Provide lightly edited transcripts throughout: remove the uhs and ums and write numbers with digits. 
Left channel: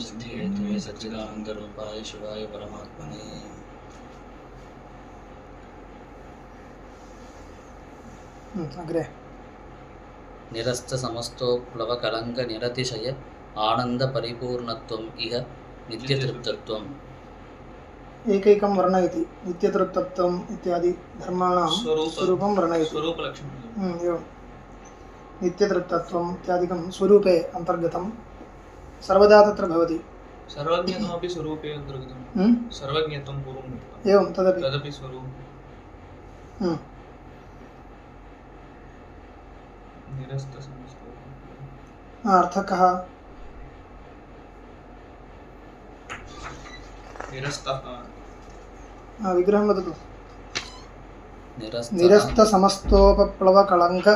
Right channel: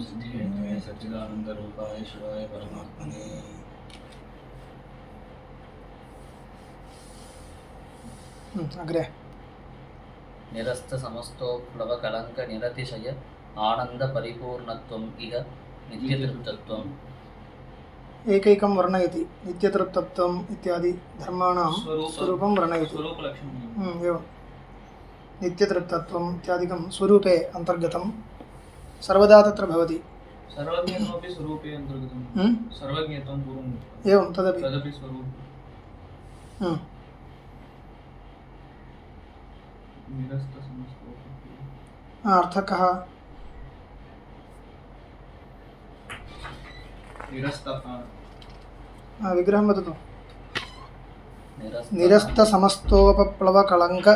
सिद्धिहेतवे सच्चिदानन्दरूपाय शिवाय परमात्मने अग्रे निरस्त समस्तोप्लवकलङ्क निरतिशय आनंद परिपूर्णत्वम् इह नित्यतृप्तत्वम् एकैकं वर्णयति नित्यतृप्तत्वम् इत्यादि धर्माणां स्वरूपं वर्णयति एवं नित्यतृप्तत्वम् इत्यादिकं स्वरूपे अन्तर्गतं सर्वदा तत्र भवति सर्वज्ञत्वमपि स्वरूपे अन्तर्गतं सर्वज्ञत्वं पूर्वं एवं तदपि स्वरूपं निरस्तसमस्तः अर्थः कः निरस्तः विग्रहं वदतु निरस्तसमस्तोपप्लवकलङ्क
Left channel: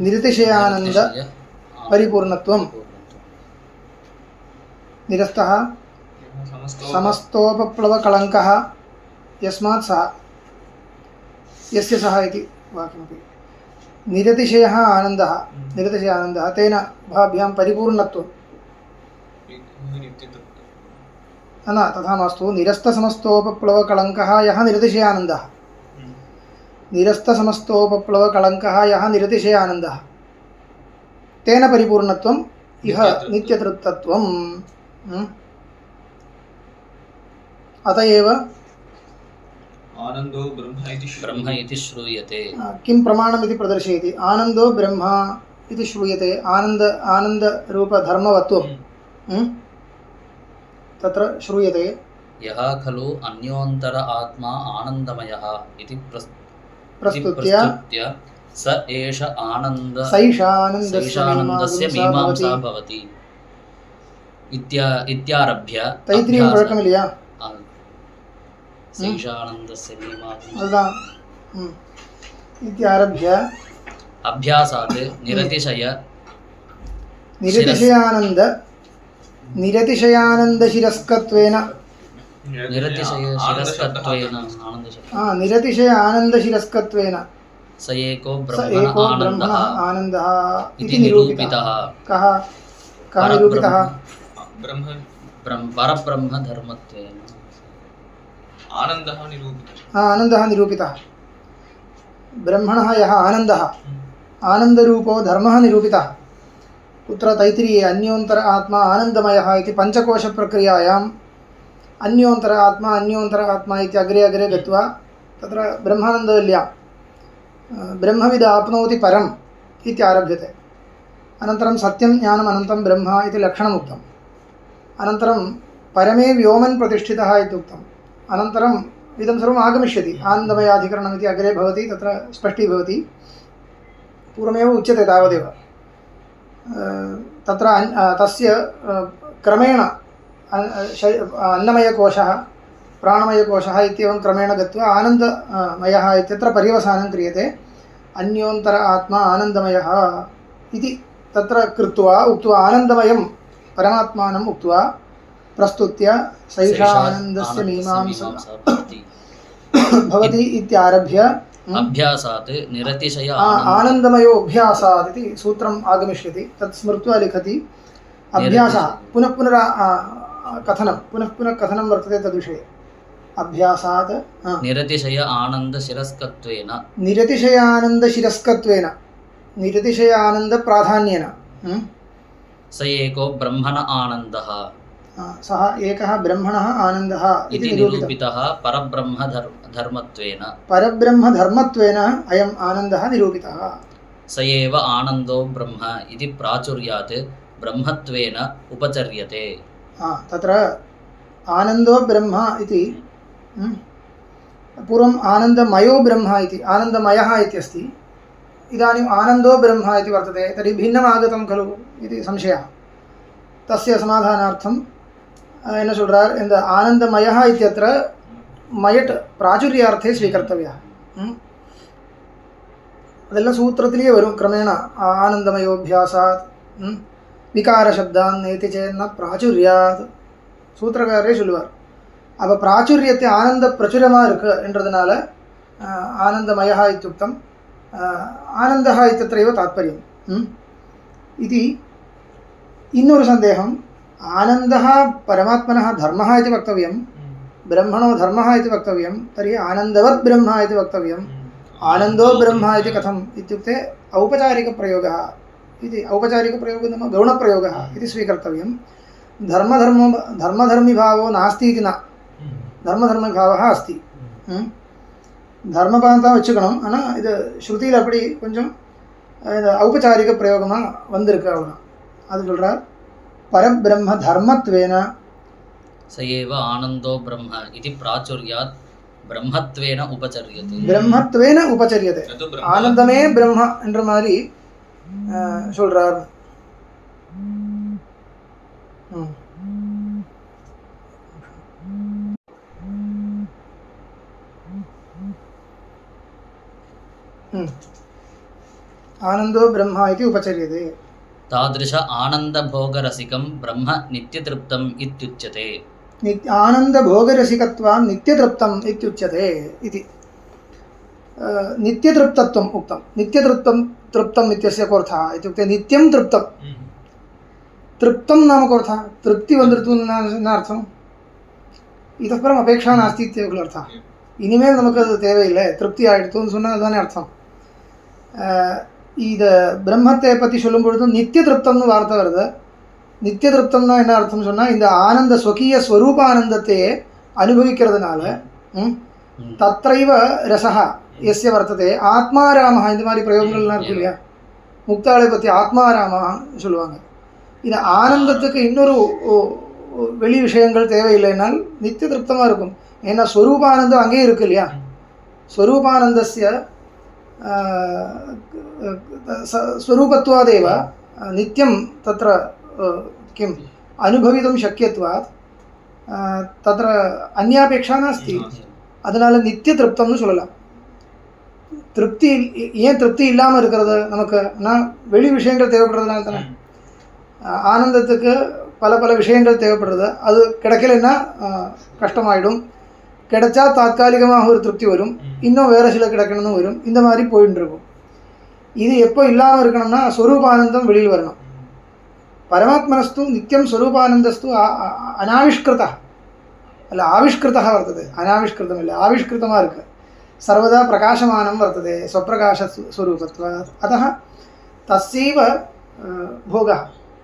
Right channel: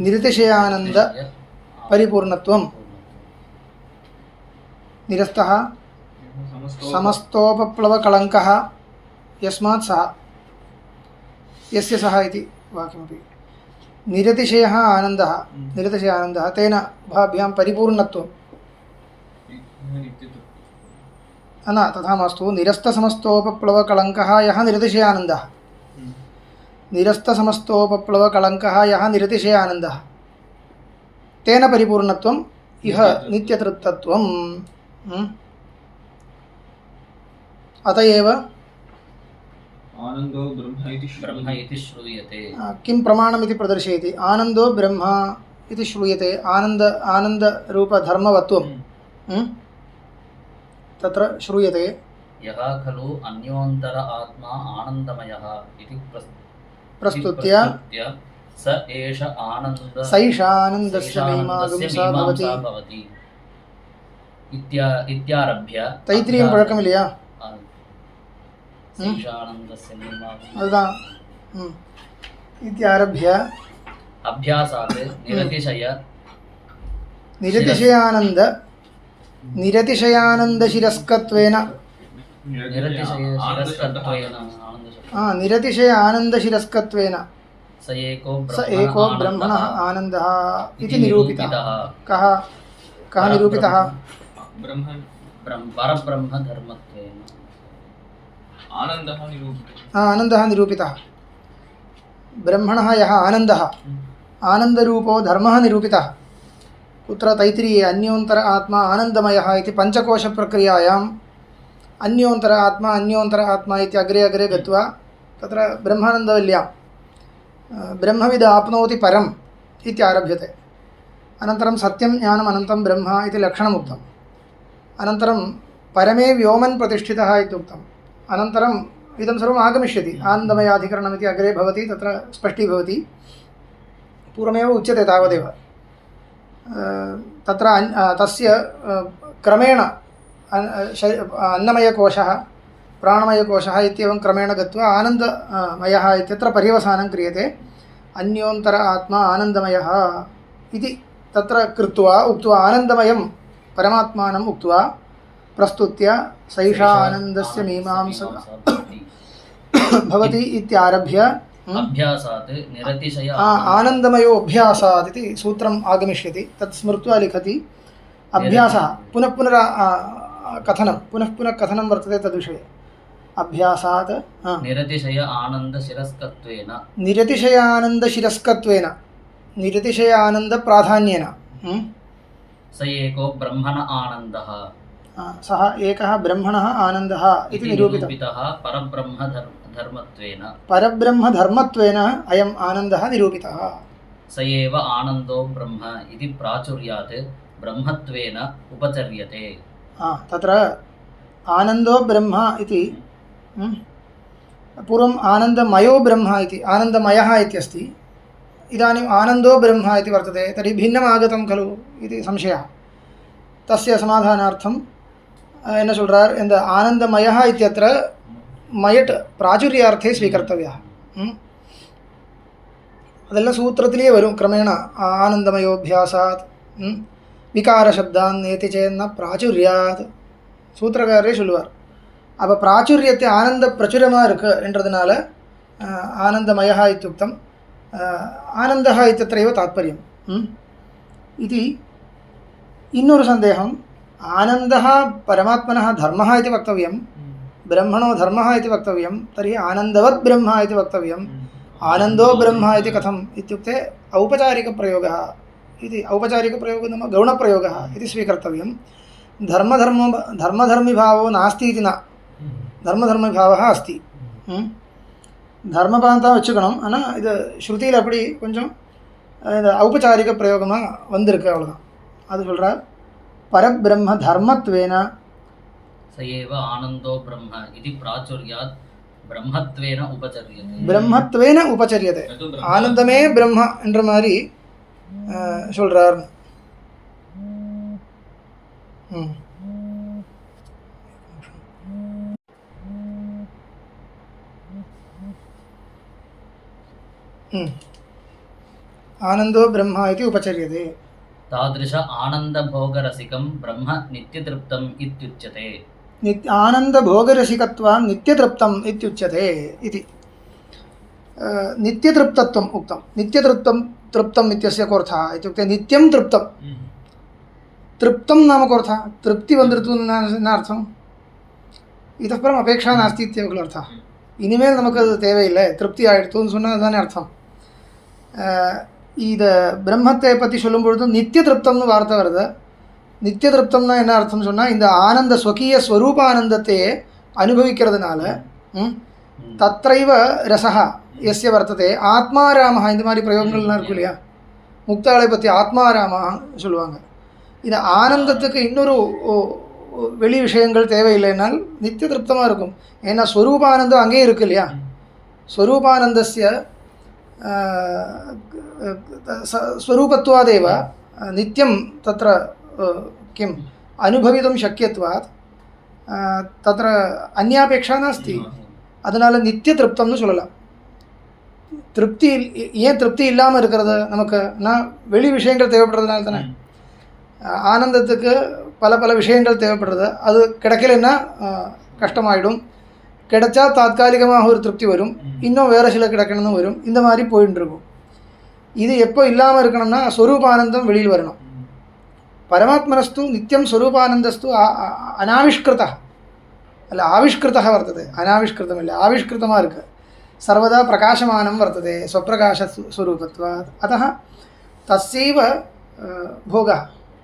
निरतिशयानन्द परिपूर्णत्वं निरस्तः समस्तोपप्लवकलङ्कः यस्मात् सः यस्य सः इति वाक्यमपि निरतिशयः आनन्दः तेन भाभ्यां परिपूर्णत्वं न तथा मास्तु निरस्तसमस्तोपप्लवकलङ्कः यः निरतिशयानन्दः निरस्तसमस्तोपप्लवकलङ्कः यः निरतिशयानन्दः तेन परिपूर्णत्वम् इह नित्यतृप्तत्वम् अत एव आनन्दो ब्रह्म इति श्रूयते किं प्रमाणमिति प्रदर्शयति आनन्दो ब्रह्म इति श्रूयते आनन्दरूपधर्मवत्वं तत्र श्रूयते यः खलु अन्योन्तर आत्मा आनन्दमयः इति प्रस्तुत्य स एष आनन्द सैषानन्दस्य मीमांसा भवति इत्यारभ्य तैत्तिरीयं पழக்கமில்லையா सैषानन्दस्य मीमांसा इत्यारभ्य अभ्यासात् निरतिशयानन्दशिरस्कत्वेन निरतिशय आनन्दशिरस्कत्वेन स एको ब्रह्मणः आनन्दः इति निरूपितः कः निरूपितः परब्रह्मधर्मत्वेन आनन्दः निरूपितः ब्रह्मणः यः आनन्दः आनन्दरूपो धर्मः निरूपितः कुत्र तैत्तिरीये अन्योन्तर आत्मा आनन्दमयः इति पञ्चकोशप्रक्रियायाम् अन्योन्तर आत्मा इति अग्रे अग्रे गत्वा तत्र ब्रह्मानन्दवल्ल्यां ब्रह्मविद् आप्नोति परम् इति आरभ्यते अनन्तरं सत्यं ज्ञानम् अनन्तं ब्रह्म इति लक्षणमुक्तम् अनन्तरं परमे व्योमन् प्रतिष्ठितः इत्युक्तम् अनन्तरम् इदं सर्वम् आगमिष्यति आनन्दमयाधिकरणमिति अग्रे भवति तत्र स्पष्टीभवति पूर्वमेव उच्यते तावदेव तत्र तस्य क्रमेण अन्नमयकोशः प्राणमयकोशः इत्येवं क्रमेण गत्वा आनन्दमयः इत्यत्र पर्यवसानं क्रियते अन्योन्तर आत्मा आनन्दमयः इति तत्र कृत्वा उक्त्वा आनन्दमयं परमात्मानम् उक्त्वा प्रस्तुत्य सैषानन्दस्य मीमांसा भवति इत्यारभ्य अभ्यासात् निरतिशय आनन्दमयोऽभ्यासात् इति सूत्रम् आगमिष्यति तत् स्मृत्वा लिखति अभ्यासः पुनः कथनं वर्तते तद्विषये अभ्यासात् निरतिशयानन्दशिरस्कत्वेन निरतिशयानन्दप्राधान्येन स एको ब्रह्मण आनन्दः सः एकः ब्रह्मणः आनन्दः इति निरूपितः परब्रह्मधर्मत्वेन अयम् आनन्दः निरूपितः स एव आनन्दो ब्रह्म इति प्राचुर्यात् ब्रह्मत्वेन उपचर्यते तत्र आनन्दो ब्रह्म इति पूर्वम् आनन्दमयो ब्रह्म इति आनन्दमयः इत्यस्ति इदानीम् आनन्दो ब्रह्म इति वर्तते तर्हि भिन्नम् आगतं खलु इति संशयः तस्य समाधानार्थं என்ன சொல்றார் இந்த ஆனந்தமயः इत्यत्र மயட் പ്രാചുര്യാർത്ഥേ സ്വീകർത്തവ്യः അതെല്ലാം സൂത്രത്തിലേ വരും ക്രമേണ ആനന്ദമയോഭ്യാസാത് விகாரசப்தான் நேத்தி சேன்னா பிராச்சுரியாத் சூத்திரக்காரரே சொல்லுவார் அப்போ பிராச்சுரியத்தை ஆனந்த பிரச்சுரமாக இருக்கு என்றதுனால ஆனந்தமயா இத்தியுக்தம் ஆனந்தः इत्यत्रैव तात्पर्यम् इति இன்னொரு சந்தேகம் आनन्दः परमात्मनः धर्मः इति वक्तव्यं, ब्रह्मणो धर्मः इति वक्तव्यं, तर्हि आनन्दवत् ब्रह्म इति वक्तव्यं। आनन्दो ब्रह्म इति कथम् इत्युक्ते औपचारिकप्रयोगः इति, औपचारिकप्रयोगः नाम गौणप्रयोगः इति स्वीकर्तव्यं। धर्मधर्मिभावो नास्ति इति न, धर्मधर्मिभावः अस्ति. தர்மபாந்தா வச்சுக்கணும். ஆனால் இது ஸ்ருதியில் அப்படி கொஞ்சம் இந்த ஔபச்சாரிக பிரயோகமாக வந்திருக்கு, அவ்வளோதான். அது சொல்கிறார் பரபிரம்ம தர்மத்வேன சயேவ ஆனந்தோ பிரம்ம இது பிராச்சுர்யாத் பிரம்மத்வேன உபச்சரியதே. பிரம்மத்வேன உபச்சரியதே, ஆனந்தமே பிரம்ம என்ற மாதிரி சொல்கிறார். आनंदो ब्रह्म इति उपचर्यते. तादृश आनन्दभोगरसिकं ब्रह्म नित्यतृप्तम् इत्युच्यते. आनन्दभोगरसिकत्वान् नित्यतृप्तम् इत्युच्यते इति. नित्यतृप्तत्वम् उक्तं. तृप्तम् इत्यस्य कोऽर्थः इत्युक्ते नित्यं तृप्तं. तृप्तं नाम कोऽर्थः? तृप्ति वन्दतु न अर्थम्. इतः परम् अपेक्षा नास्ति इत्येव खलु अर्थः. இனிமேல் நமக்கு அது தேவையில்லை, திருப்தி ஆகிடுத்துன்னு சொன்னால் அதுதானே அர்த்தம். இது பிரம்மத்தை பற்றி சொல்லும் பொழுது நித்திய திருப்தம்னு வார்த்தை வருது. நித்திய திருப்தம்னா என்ன அர்த்தம் சொன்னால், இந்த ஆனந்த ஸ்வகீய ஸ்வரூப ஆனந்தத்தையே அனுபவிக்கிறதுனால தத்ரைவ ரசஹா எஸ்ய வர்த்ததே ஆத்மாராமஹா, இந்த மாதிரி பிரயோகங்கள்லாம் இருக்கு இல்லையா. முக்தாளை பற்றி ஆத்மாராமஹா சொல்லுவாங்க. இந்த ஆனந்தத்துக்கு இன்னொரு வெளி விஷயங்கள் தேவையில்லைனால் நித்திய திருப்தமாக இருக்கும். ஏன்னா ஸ்வரூபானந்தம் அங்கேயே இருக்கு இல்லையா. ஸ்வரூபானந்தஸ்ய ஸ்வரூபத்வாदेव नित्यं तत्र किम् अनुभवितुं शक्यत्वात् तत्र अन्यापेक्षा नास्ति. அதனால நித்திய திருப்தம்னு சொல்லலாம். திருப்தி ஏன் திருப்தி இல்லாமல் இருக்கிறது நமக்கு? நான் வெளி விஷயங்கள் தேவைப்படுறதுனால தானே. ஆனந்தத்துக்கு பல பல விஷயங்கள் தேவைப்படுறது. அது கிடைக்கலன்னா கஷ்டமாயிடும். கிடைச்சா தாத்காலிகமாக ஒரு திருப்தி வரும், இன்னும் வேறு சில கிடைக்கணும்னு வரும். இந்த மாதிரி போயின்னு இருக்கும். இது எப்போ இல்லாமல் இருக்கணும்னா ஸ்வரூபானந்தம் வெளியில் வரணும். பரமாத்மனஸ்து நித்தியம் ஸ்வரூபானந்தஸ்து அனாவிஷ்கிருதா அல்ல ஆவிஷ்கிருதா வர்த்தது. அனாவிஷ்கிருதம் இல்லை, ஆவிஷ்கிருதமாக இருக்குது. சர்வதா பிரகாசமானம் வர்த்தது ஸ்வப்பிரகாச ஸ்வரூபத்வாத். அத்தः தஸ்யைவ போகः.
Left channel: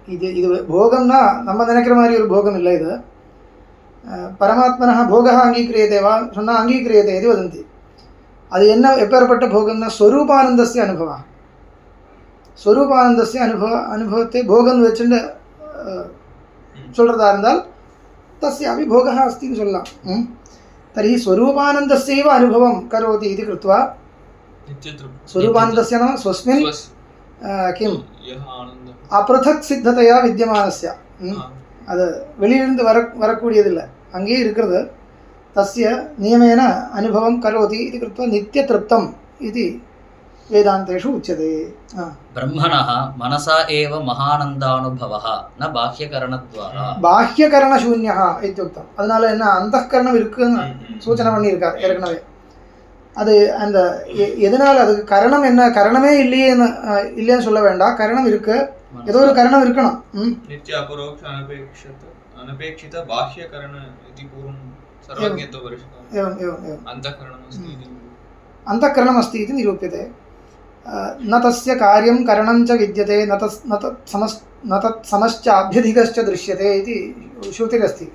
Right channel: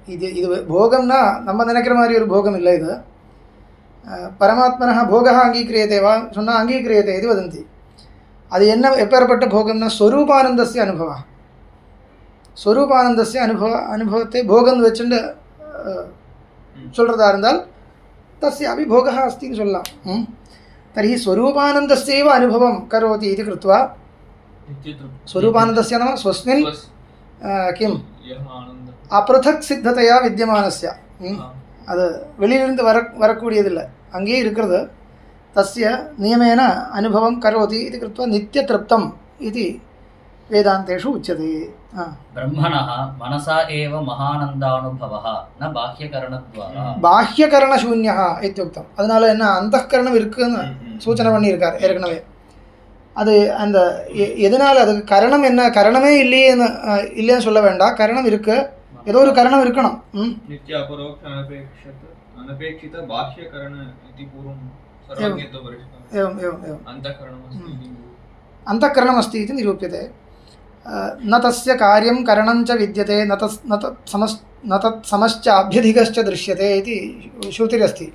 இது போகம்னா நம்ம நினைக்கிற மாதிரி ஒரு போகம் இல்லை. இது பரமாத்மனः போகः அங்கீக்ரியते வா சொன்னால் அங்கீக்ரியते இது வதந்தி. அது என்ன எப்பேற்பட்ட போகம்னா ஸ்வரூபானந்தஸ்ய அனுபவம். ஸ்வரூபானந்தஸ்ய அனுபவத்தை போகம்னு வச்சுட்டு சொல்கிறதா இருந்தால் தஸ்யாபி போகः अस्ति சொல்லலாம். तर्हि स्वरूपानन्दस्यैव अनुभवं करोति इति कृत्वा स्वरूपानन्दस्य नाम स्वस्मिन् किम् अपृथक् सिद्धतया विद्यमानस्य, அது வெளியிலிருந்து வரக்கூடியதில்லை, அங்கேயே இருக்கிறது. தஸ்ய நியமேன அனுபவம் கரோதி இது கிருத்வா நித்யத்ருப்தம் இது வேதாந்தேஷு உச்சதே. பிரம்மணः மனசா ஏவ மகானந்தானுபவः ந பாஹ்யகரணத்வாரா. பாஹ்யகரணசூன்யः இத்யுக்தம். அதனால என்ன அந்தःகரணம் இருக்குன்னு சூச்சனை பண்ணியிருக்கார் ஏற்கனவே. அது அந்த எதனால் அதுக்கு கரணம் என்ன, கரணமே இல்லைன்னு சொல்ல வேண்டாம். கரணம் இருக்கு, ஏதோ ஒரு கரணம் இருக்கணும். நித்ய அபரோக்ஷ அனபேக்ஷித பாஹ்யகரண इति पूर्वं सर्वज्ञत्व परिष्कारः. एवम् एवम् एवम् अन्तःकरणम् अस्ति इति निरूप्यते. न तस्य कार्यं करणं च विद्यते न तत् समश्चाभ्यधिकश्च दृश्यते इति श्रुतिरस्ति.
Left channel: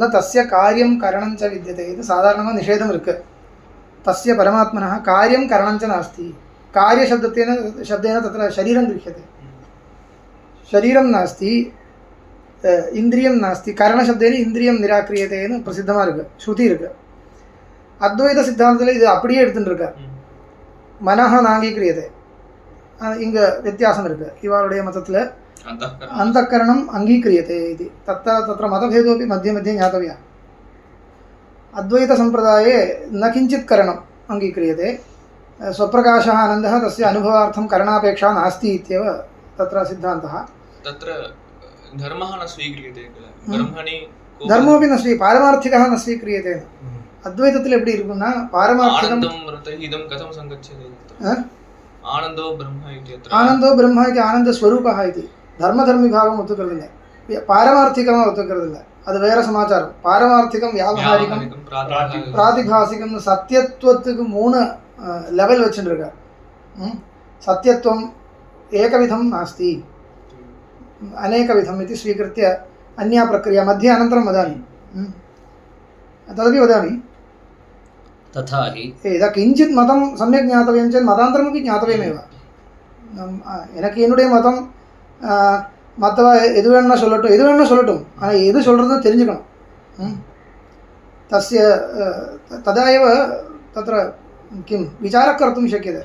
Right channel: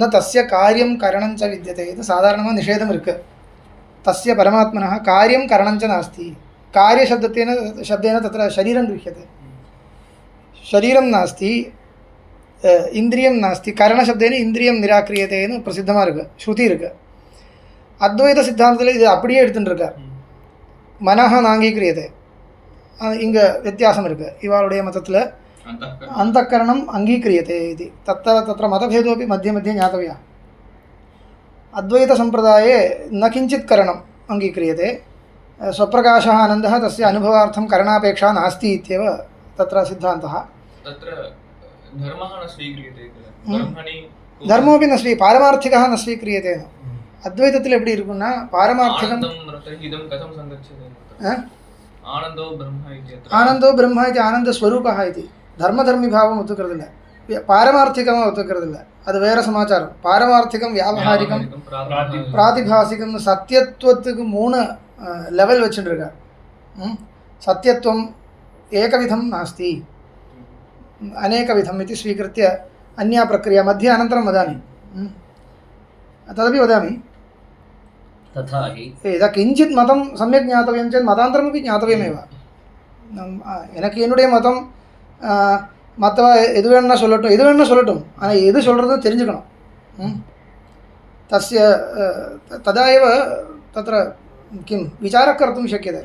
न तस्य कार्यं करणं च विद्यते इति साधारणமாக निषेधம் இருக்கு. तस्य परमात्मनः कार्यं करणं च नास्ति. कार्यशब्देन तत्र शरीरं गृह्यते. शरीरं नास्ति, இந்திரியம் நாஸ்தி. கரணசப்தேன இந்திரியம் நிராகரியத்தேன்னு பிரசித்தமாக இருக்குது, ஸ்ருதி இருக்குது. அத்வைத சித்தாந்தத்தில் இது அப்படியே எடுத்துகிட்டு இருக்கார். மனஹ நாங்கீக்கிரியதே, இங்கே வித்தியாசம் இருக்குது. இவருடைய மதத்தில் அந்தःकरणम् அங்கீக்ரியதே இது தத்திர मतभेदोपि मध्ये मध्ये ज्ञातव्यः. अद्वैतसम्प्रदाये न किञ्चित् करणम् अङ्गीक्रियते. स्वप्रकाशः आनन्दः तस्य अनुभवार्थं करणापेक्षा नास्ति इत्येव तत्र सिद्धान्तः. तत्र धर्मः न स्वीक्रियते. धर्मोपि न पारमार्थिकः न स्वीक्रियते. अद्वैतத்தில் எப்படி இருக்குன்னா பாரமார்த்திகம் இதம் கதம் சங்கச்சதே. ஆனந்தோ பிரம்ம இत्यत्र ஆனந்தோ பிரம்ம இது ஆனந்த ஸ்வரூபः இது தர்மதர்மி பாவம் ஒத்துக்கிறதில்லை. പാരമാർത്ഥികം ഒത്തുக்கிறതില്ല, അത് വേറെ സമാചാരം. പാരമാർത്ഥികം, വ്യാവഹാരികം, പ്രാതിഭാസികം. സത്യത്വத்துக்கு 3 ലെവൽ വെച്ചിട്ടിരിക്കുക. സത്യത്വം ഏകവിധം നാസ്തി, अनेकविधम् इति स्वीकृत्य अन्या प्रक्रिया मध्ये अनन्तरं वदामि, तदपि वदामि. तथा हि यदा किञ्चित् मतं सम्यक् ज्ञातव्यं चेत् मतान्तरमपि ज्ञातव्यमेव. எனக்கு என்னுடைய மதம் மற்றவ எது வேணும்னா சொல்லட்டும், ஆனால் எது சொல்கிறது தெரிஞ்சுக்கணும். तस्य तदा एव तत्र किं विचारः कर्तुं शक्यते.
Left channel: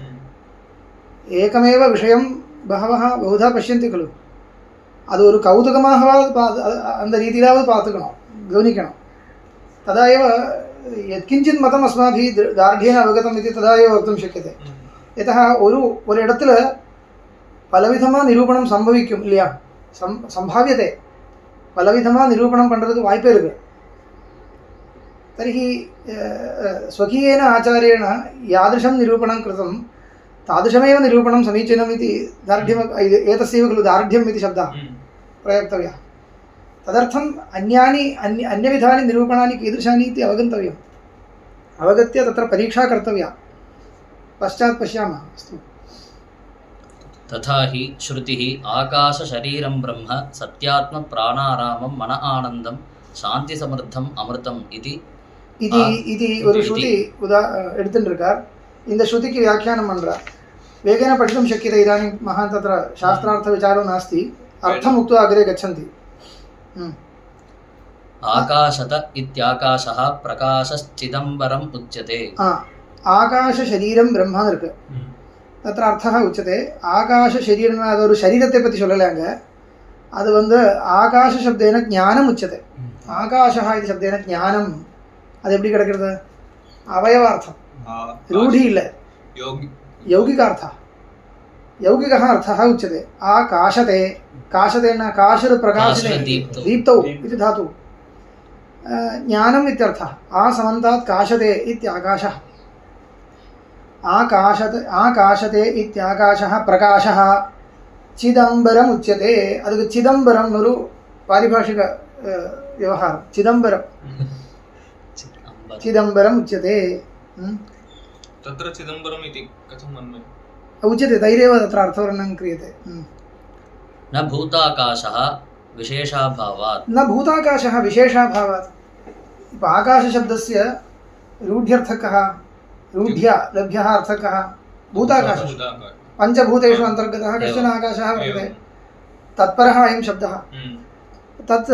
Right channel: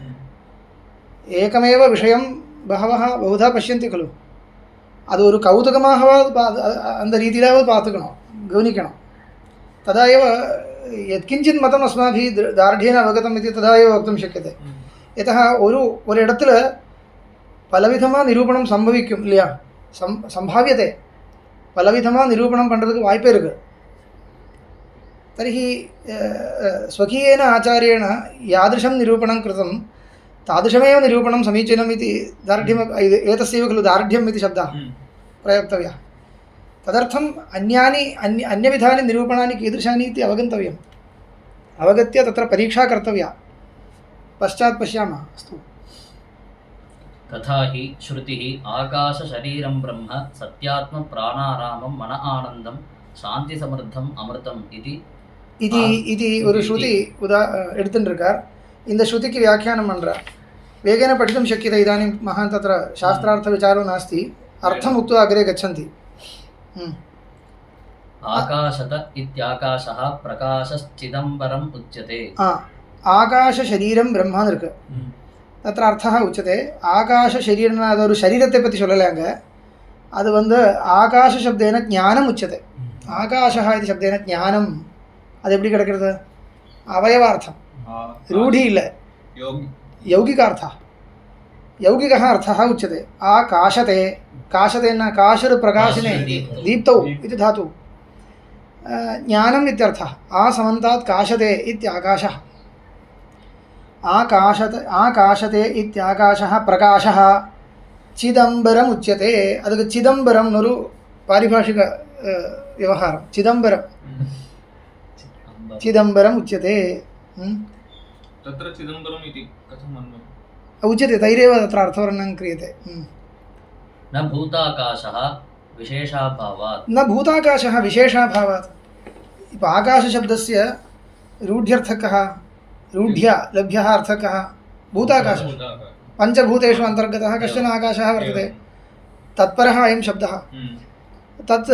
एकमेव विषयं बहवः बहुधा पश्यन्ति खलु, அது ஒரு கௌதுகமாகவாது அந்த ரீதியிலாவது பார்த்துக்கணும், கவனிக்கணும். तदा एव यत्किञ्चित् मतम् अस्माभिः दार्ढ्येन अवगतम् इति तदा एव वक्तुं शक्यते. यतः ஒரு இடத்துல பலவிதமாக நிரூபணம் சம்பவிக்கும் இல்லையா, சம்பாவியத்தை பலவிதமாக நிரூபணம் பண்ணுறதுக்கு வாய்ப்பே இருக்குது. तर्हि स्वकीयेन आचार्येण यादृशं निरूपणं कृतं तादृशमेव निरूपणं समीचीनम् इति दार्ढ्यम्, एतस्यैव खलु दार्ढ्यम् इति शब्दः प्रयोक्तव्यः. तदर्थम् अन्यविधानि निरूपणानि कीदृशानि इति अवगन्तव्यम्. अवगत्य तत्र परीक्षा कर्तव्या, पश्चात् पश्यामः. अस्तु. तथा हि श्रुतिः आकाशशरीरं ब्रह्म सत्यात्मप्राणारामं मन आनन्दं शान्तिसमृद्धम् अमृतम् इति ஒரு ஸ்ருதி எடுத்துருக்கார். இந்த ஸ்ருதிக்கு வியாக்கியானம் பண்றார். வேகேன पठितुं शक्यते. इदानीं महान् तत्र शास्त्रार्थविचारो नास्ति, अर्थम् उक्त्वा अग्रे गच्छन्ति. आकाशत इत्याकाशः प्रकाशश्चिदम्बरम् उच्यते. ஆகாசசரீரம் பிரம்மான்னு இருக்கு. तत्र अर्थः उच्यते. ஆகாசசரீரம்னா அது ஒரு சரீரத்தை பற்றி சொல்லலைங்க, அது ஆகாச சப்தேன ஞானம் உச்சते. ஆகாஷः इति शब्देन ஞானம், அது எப்படி கிடைக்கிறது? அவயவாर्थம், रूढि இல்லை, यौगिकार्थः. यौगिकः अर्थः उच्यते. आकाशते, काशतेन काशर प्रकाशने दीप्तौ इति धातु. ज्ञानम् इत्यर्थः. समन्तात् काशते इत्याकाशः. आकाशते इत्याकाशः प्रकाशः चिदम्बरम् उच्यते. ಅದಕ್ಕೆ ಚಿದಂಬರಂ ಅನ್ನೋ ಪಾರಿಭಾಷಿಕ ವ್ಯವಹಾರ. चिदम्बरम् उच्यते. तत्र चिदम्बरम् इति कथं मन्ये? उच्यते, तैरेव तत्र अर्थवर्णनं क्रियते. न भूताकाशः विशेषाभावात्. न भूताकाशः विशेषाभावात्. आकाशशब्दस्य रूढ्यर्थः कः? रूढ्या लभ्यः अर्थः कः? भूताकाशः. पञ्चभूतेषु अन्तर्गतः कश्चन आकाशः वर्तते. तत्परः अयं शब्दः. तत्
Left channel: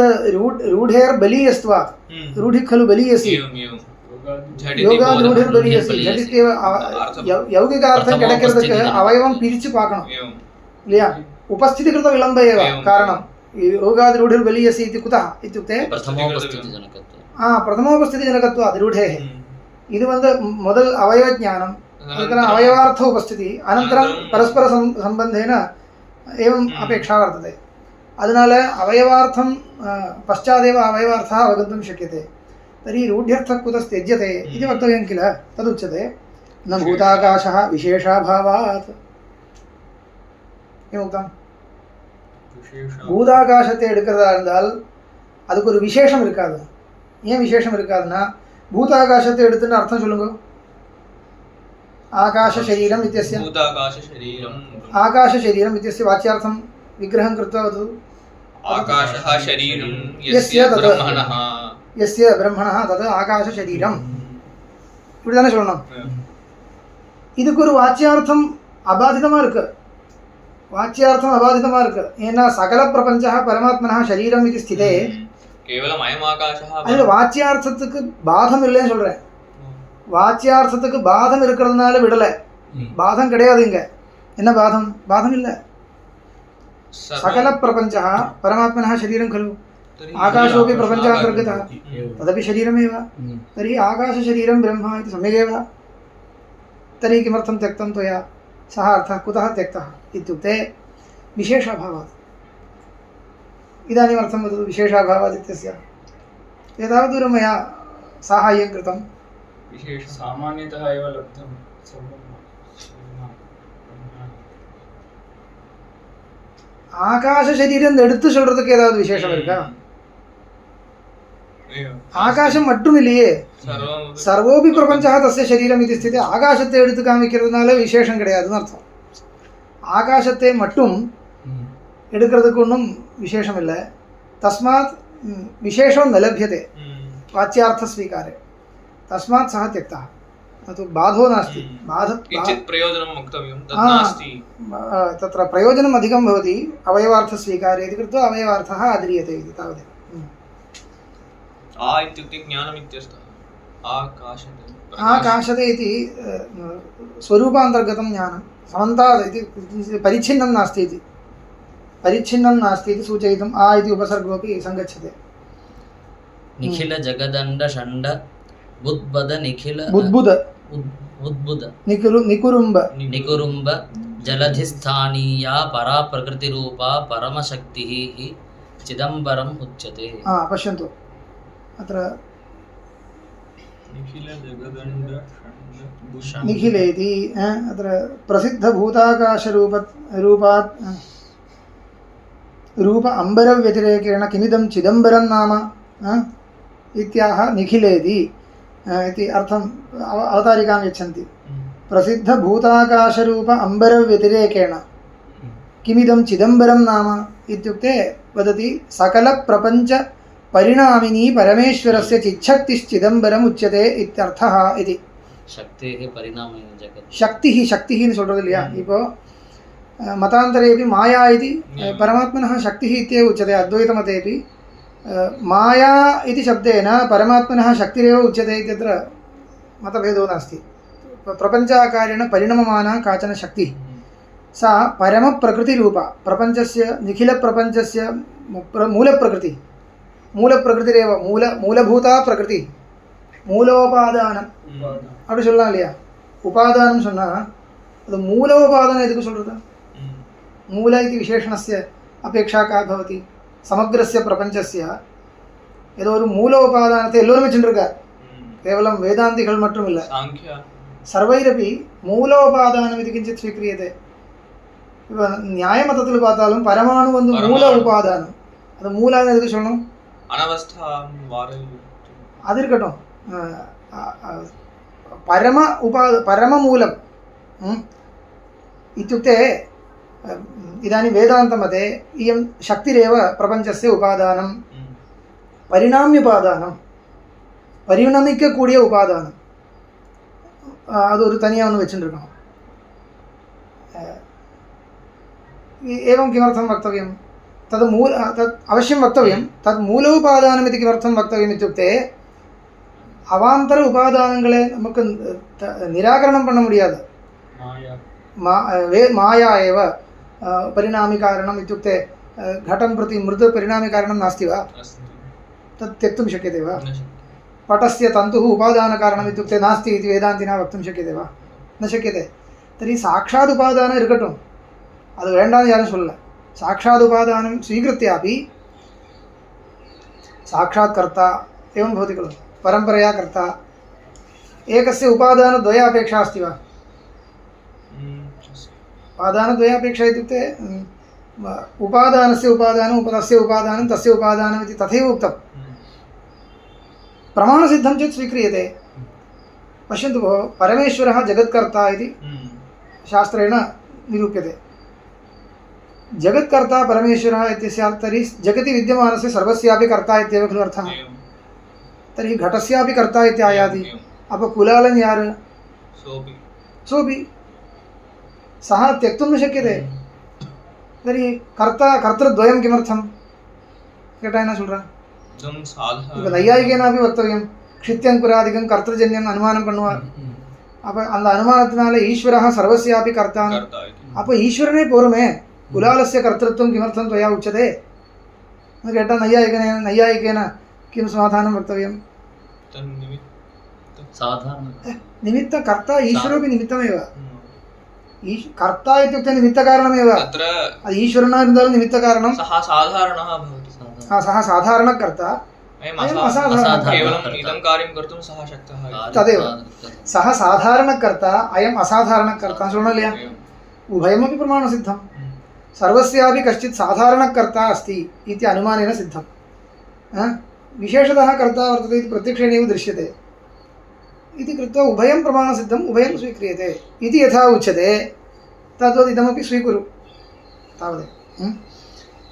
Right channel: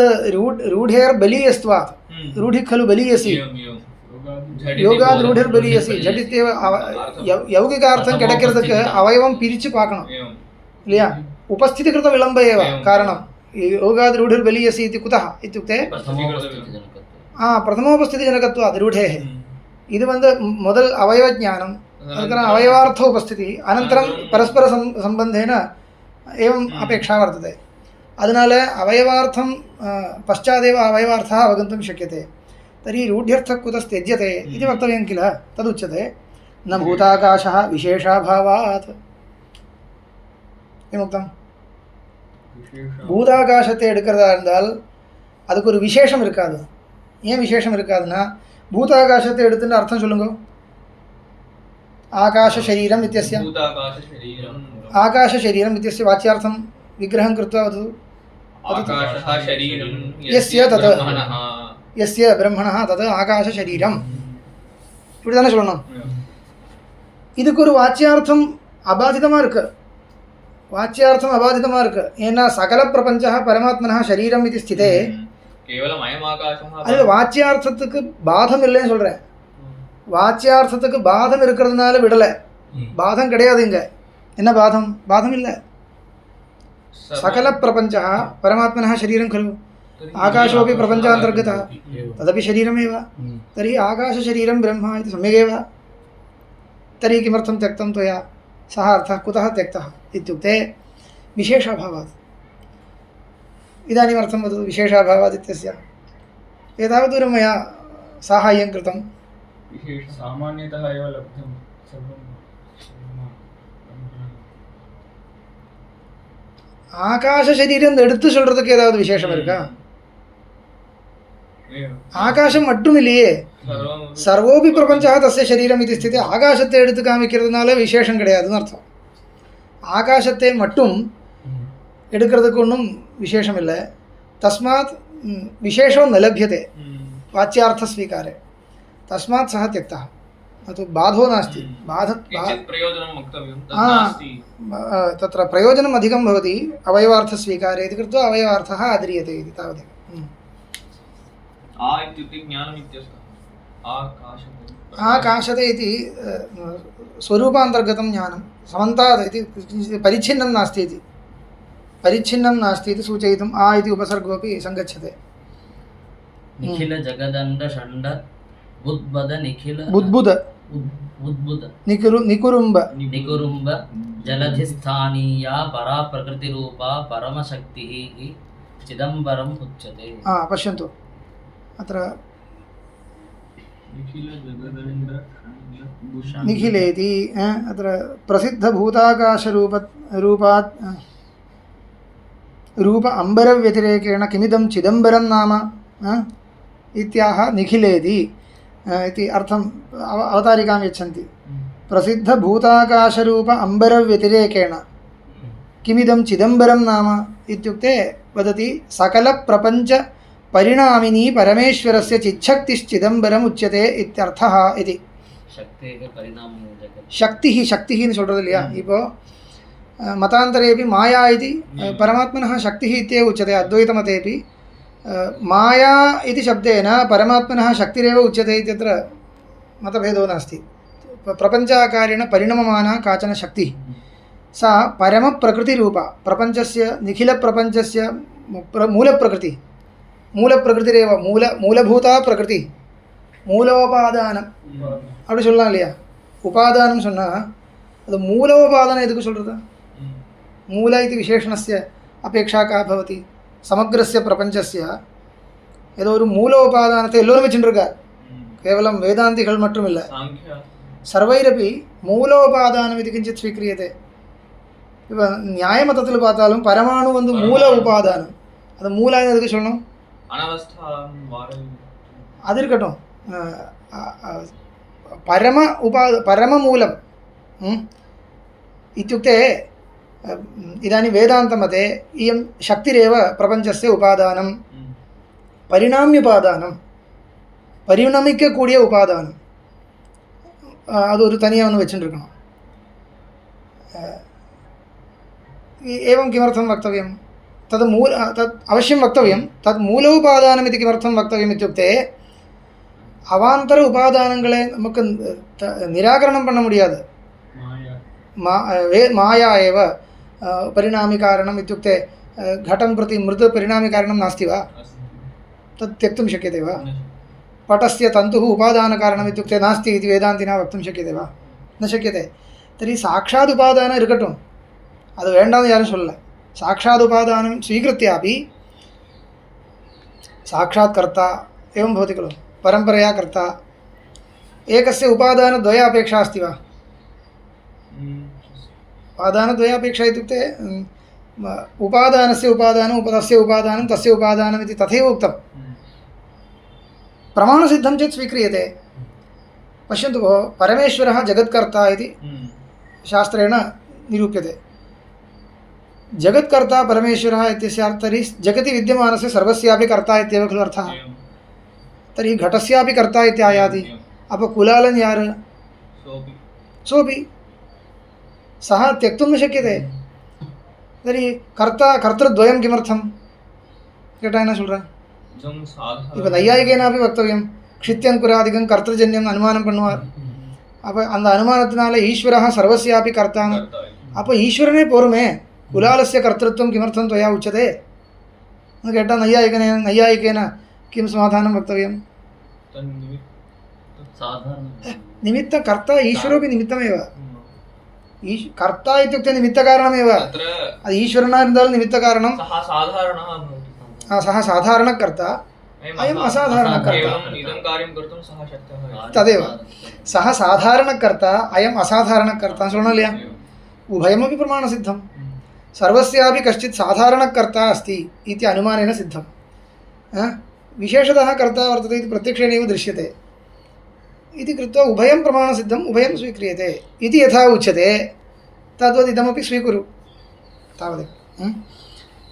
रूढेर्बलीयस्त्वात्. रूढिः खलु बलीयसी, யோகாத் ரூಢிர் பலியசி. ஜடித்தேவ யௌகிகார்த்தம் கிடைக்கிறதுக்கு அவயவம் பிரித்து பார்க்கணும் இல்லையா? उपस्थिति कृत विलम्ब एव कारणं. योगाद् रूढिर् बलीयसी इति कुतः इत्युक्ते प्रथमोपस्थितिजनकत्वात् रूढेः. ಇದು ಮೊದಲು ಅವಯವ ಜ್ಞಾನಂ, ಅದರ ಅವಯವಾರ್ಥ ಉಪಸ್ಥಿತಿ, ಅನಂತರಂ ಪರಸ್ಪರ ಸಂಬಂಧೇನ एवम् अपेक्षा वर्तते. ಅದನಾಲ ಅವಯವಾರ್ಥಂ ಪಶ್ಚಾದೇವ ಅವಯವಾರ್ಥः अवगन्तुं शक्यते. तर्हि रूढ्यर्थः कुतस्त्यज्यते इति वक्तव्यं किल, तदुच्यते. न भूताकाशः विशेषाभावात्. ஏனுக்தம் பூதாகாசத்தை எடுக்கிறதா இருந்தால் அதுக்கு ஒரு விசேஷம் இருக்காது. ஏன் விசேஷம் இருக்காதுன்னா, பூதாகாசத்தை எடுத்துன்னு அர்த்தம் சொல்லுங்க. आकाश शरीरम इत्यस्य आकाश शरीरम इत्यस्य वाच्यार्थं विग्रहं कृत्वा वदतु. आकाशः शरीरं यस्य तत् यस्य ब्रह्मणः तत् आकाश शरीरं இப்படி தானே சொல்லணும். இதுக்கு ஒரு வாச்சியார்த்தம் அபாதிதமாக இருக்கு. வாச்சியார்த்தம் அபாதிதமாக இருக்கு. ஏன்னா சகல பிரபஞ்சः பரமாத்மனः शरीरம் இது ஸ்திதே கேவலம் அயம் ஆகாசः. அது வாச்சியார்த்தத்துக்கு பாதம் இல்லைன்னு சொல்றேன். வாச்சியார்த்தத்துக்கு பாதம் இருக்கிறதுனால விடலை. பாதம் கிடையாது இங்க. என்ன பாதம்? பாதம் இல்லை. सकल प्रपंचः परमात्मनः शरीरं खलु. आकाशोऽपि प्रपञ्चान्तर्गतः, तदपि शरीरमेव. तर्हि आकाशशरीरं ब्रह्म इति सम्यगेव. तर्हि किमर्थं त्यक्तं त्वया? सः अर्थः कुतः त्यक्तः इत्युक्ते विशेषाभावात्. इदानीम् अर्थं वदतु विशेषाभावात् इत्यस्य. एतावत् दूरं मया साहाय्यं कृतं. सामान्यतः एव लब्धं ஆகாச சரீரம் எடுத்து சொல்றதுக்கு ஏதாவது விசேஷம் இருக்கா? ஆகாசம் மட்டும் இல்லையே, சர்வோபி பிரபஞ்சா தஸ்ய சரீரம் இது ஸ்திதி. ஆகாசத்தை எடுத்து காமிக்கிறதுனால விசேஷம் கிடையாதுன்னு அர்த்தம். ஆகாசத்தை மட்டும் எடுக்கிறதுக்கு ஒன்றும் விசேஷம் இல்லை. தஸ்மாத் விசேஷம் न लभ्यते वाच्यार्थ स्वीकारे, तस्मात् सः त्यक्तः. तो बाधो नास्ति. प्रयोजनं वक्तव्यं तत् नास्ति. तत्र प्रयोजनम् अधिकं भवति अवयवार्थस्वीकारे इति कृत्वा अवयवार्थः आद्रियते इति तावदेव. आ इत्युक्ते ज्ञानम् इत्यर्थः. आकाशते इति स्वरूपान्तर्गतं ज्ञानं. समन्तात् इति परिच्छिन्नं नास्ति इति, परिच्छिन्नं नास्ति इति सूचयितुम् आ इति उपसर्गोऽपि सङ्गच्छते. निखिल जगदण्ड षण्ड बुद्बद निखिल बुद्बुद बुद्बुद निकुरुम्ब निकुरुम्ब जलधिस्थानीया परा प्रकृतिरूपा परमशक्तिः हि चिदम्बरम् उच्यते. पश्यन्तु अत्र निखिलेति अत्र प्रसिद्धभूताकाशरूपात् रूप अम्बरव्यतिरेकेण किमिदं चिदम्बरं नाम इत्याह निखिलेति इति अर्थम् अवतारिकां यच्छन्ति. प्रसिद्धभूताकाशरूप अम्बरव्यतिरेकेण किमिदं चिदम्बरं नाम इत्युक्ते वदति सकलप्रपञ्च परिणामिनी परमेश्वरस्य चिच्छक्तिश्चिदम्बरम् उच्यते इत्यर्थः इति. शक्तेः परिणामः जगत्. शक्तिः ன்னு சொல்றது இல்லையா? இப்போ मतान्तरेपि माया इति परमात्मनः शक्तिः इत्येव उच्यते. अद्वैतमतेपि माया इति शब्देन परमात्मनः शक्तिरेव उच्यते इत्यत्र मतभेदो नास्ति. प्रपञ्चाकारेण परिणममाना काचन शक्तिः सा परमप्रकृतिरूपा, प्रपञ्चस्य निखिलप्रपञ्चस्य மூலப்பிரகிருதிரேவ, மூலபூதா பிரகிருதி, மூலோபாதானம் அப்படி சொல்லலாம் இல்லையா? உபாதானம் சொன்னால் அது மூலோபாதானம் எதுக்கு சொல்கிறது? மூல இது விசேஷணस्य அபேட்சா கா பவதி? சமக்ரஸ்ய பிரபஞ்சஸ்ய ஏதோ ஒரு மூலோபாதானத்தை எல்லோரும் வச்சுருக்கார். கேவலம் வேதாந்திகள் மட்டும் இல்லை, சர்வைரப்பி மூலோபாதானம் இது கிஞ்சித் ஸ்வீக்ரியதே. இப்போ நியாயமதத்தில் பார்த்தாலும் பரமாணு வந்து மூல உபாதானம். அது மூலம் எதுக்கு சொல்லணும்? அது இருக்கட்டும். परममूलम् इत्युक्ते इदानीं वेदान्तमते इयं शक्तिरेव प्रपञ्चस्य उपादानं, परिणाम्योपादानं, परिणमिक्कக்கூடிய उपादानं. அது ஒரு தனியாக ஒன்று வச்சுருக்கணும். एवं किमर्थं वक्तव्यं? तद् अवश्यं वक्तव्यं. तद् मूलोपादानम् इति किमर्थं वक्तव्यम् इत्युक्ते அவாந்தர உபாதானங்களை நமக்கு நிராகரணம் பண்ண முடியாது. மாயா एव परिणामी कारणम् इत्युक्ते घटं प्रति मृत् परिणामी कारणं नास्ति वा? तत् त्यक्तुं शक्यते वा? पटस्य तन्तुः उपादानकारणम् इत्युक्ते नास्ति इति वेदान्तिना वक्तुं शक्यते वा? न शक्यते. तर्हि साक्षात् उपादानं इरुकट्टुम्, அது வேண்டாம்னு யாரும் சொல்லல. साक्षात् उपादानं स्वीकृत्यापि साक्षात् कर्ता एवं भवति खलु, परंपरया कर्ता. एकस्य उपादानद्वय अपेक्षा अस्ति वा? उपादानद्वय अपेक्षा इत्युक्ते उपादानस्य उपादानं, तस्य उपादानं, तस्य उपादानम् इति तथैव उक्तं. प्रमाणसिद्धं चेत् स्वीक्रियते. पश्यन्तु भोः, परमेश्वरः जगत्कर्ता इति शास्त्रेण निरूप्यते. जगत्कर्ता परमेश्वरः इत्यस्य तर्हि जगति विद्यमानस्य सर्वस्यापि कर्ता इत्येव खलु अर्थः. तर्हि घटस्यापि कर्ता इति आयाति. अप कुलालन यार? सोऽपि सः त्यक्तुं न शक्यते. तर्हि कर्ता कर्तृद्वयं किमर्थं केटा न சொல்றா? இப்போ நையாயிகேனாபி வக்தவியம். க்ஷித்யங்குராதிகம் கர்த்தஜன்யம் அனுமானம் பண்ணுவார். அப்போ அந்த அனுமானத்தினால ஈஸ்வரः सर्वस्यापि कर्ता. அப்போ ஈஸ்வரனே போருமே, कुलालस्य कर्तृत्वं किमर्थं त्वया उच्यते? केटा नैयायिकेन किं समाधानं वक्तव्यं? निमित्त कर्ता ईश्वरोपि निमित्तमेव. कर्ता इत्युक्ते निमित्तकारणमेव. ಅದು ಈಶ್ವರನಾಗಿದ್ದಾலும் ನಿಮಿತ್ತಕಾರಣಂ. सः साधारणकर्ता, अयम् असाधारणकर्ता. तदेव सः साधारणकर्ता, अयम् असाधारणकर्ता. शृणोल्य? उभयमपि प्रमाणसिद्धं. सर्वस्यापि कश्चित् साधारणकर्ता अस्ति इति अनुमानेन सिद्धं। विशेषतः कर्ता वर्तते इति प्रत्यक्षेणैव दृश्यते इति कृत्वा उभयं प्रमाणसिद्धम् उभयं स्वीक्रियते इति यथा उच्यते तद्वत् इदमपि स्वीकुरु तावदेव।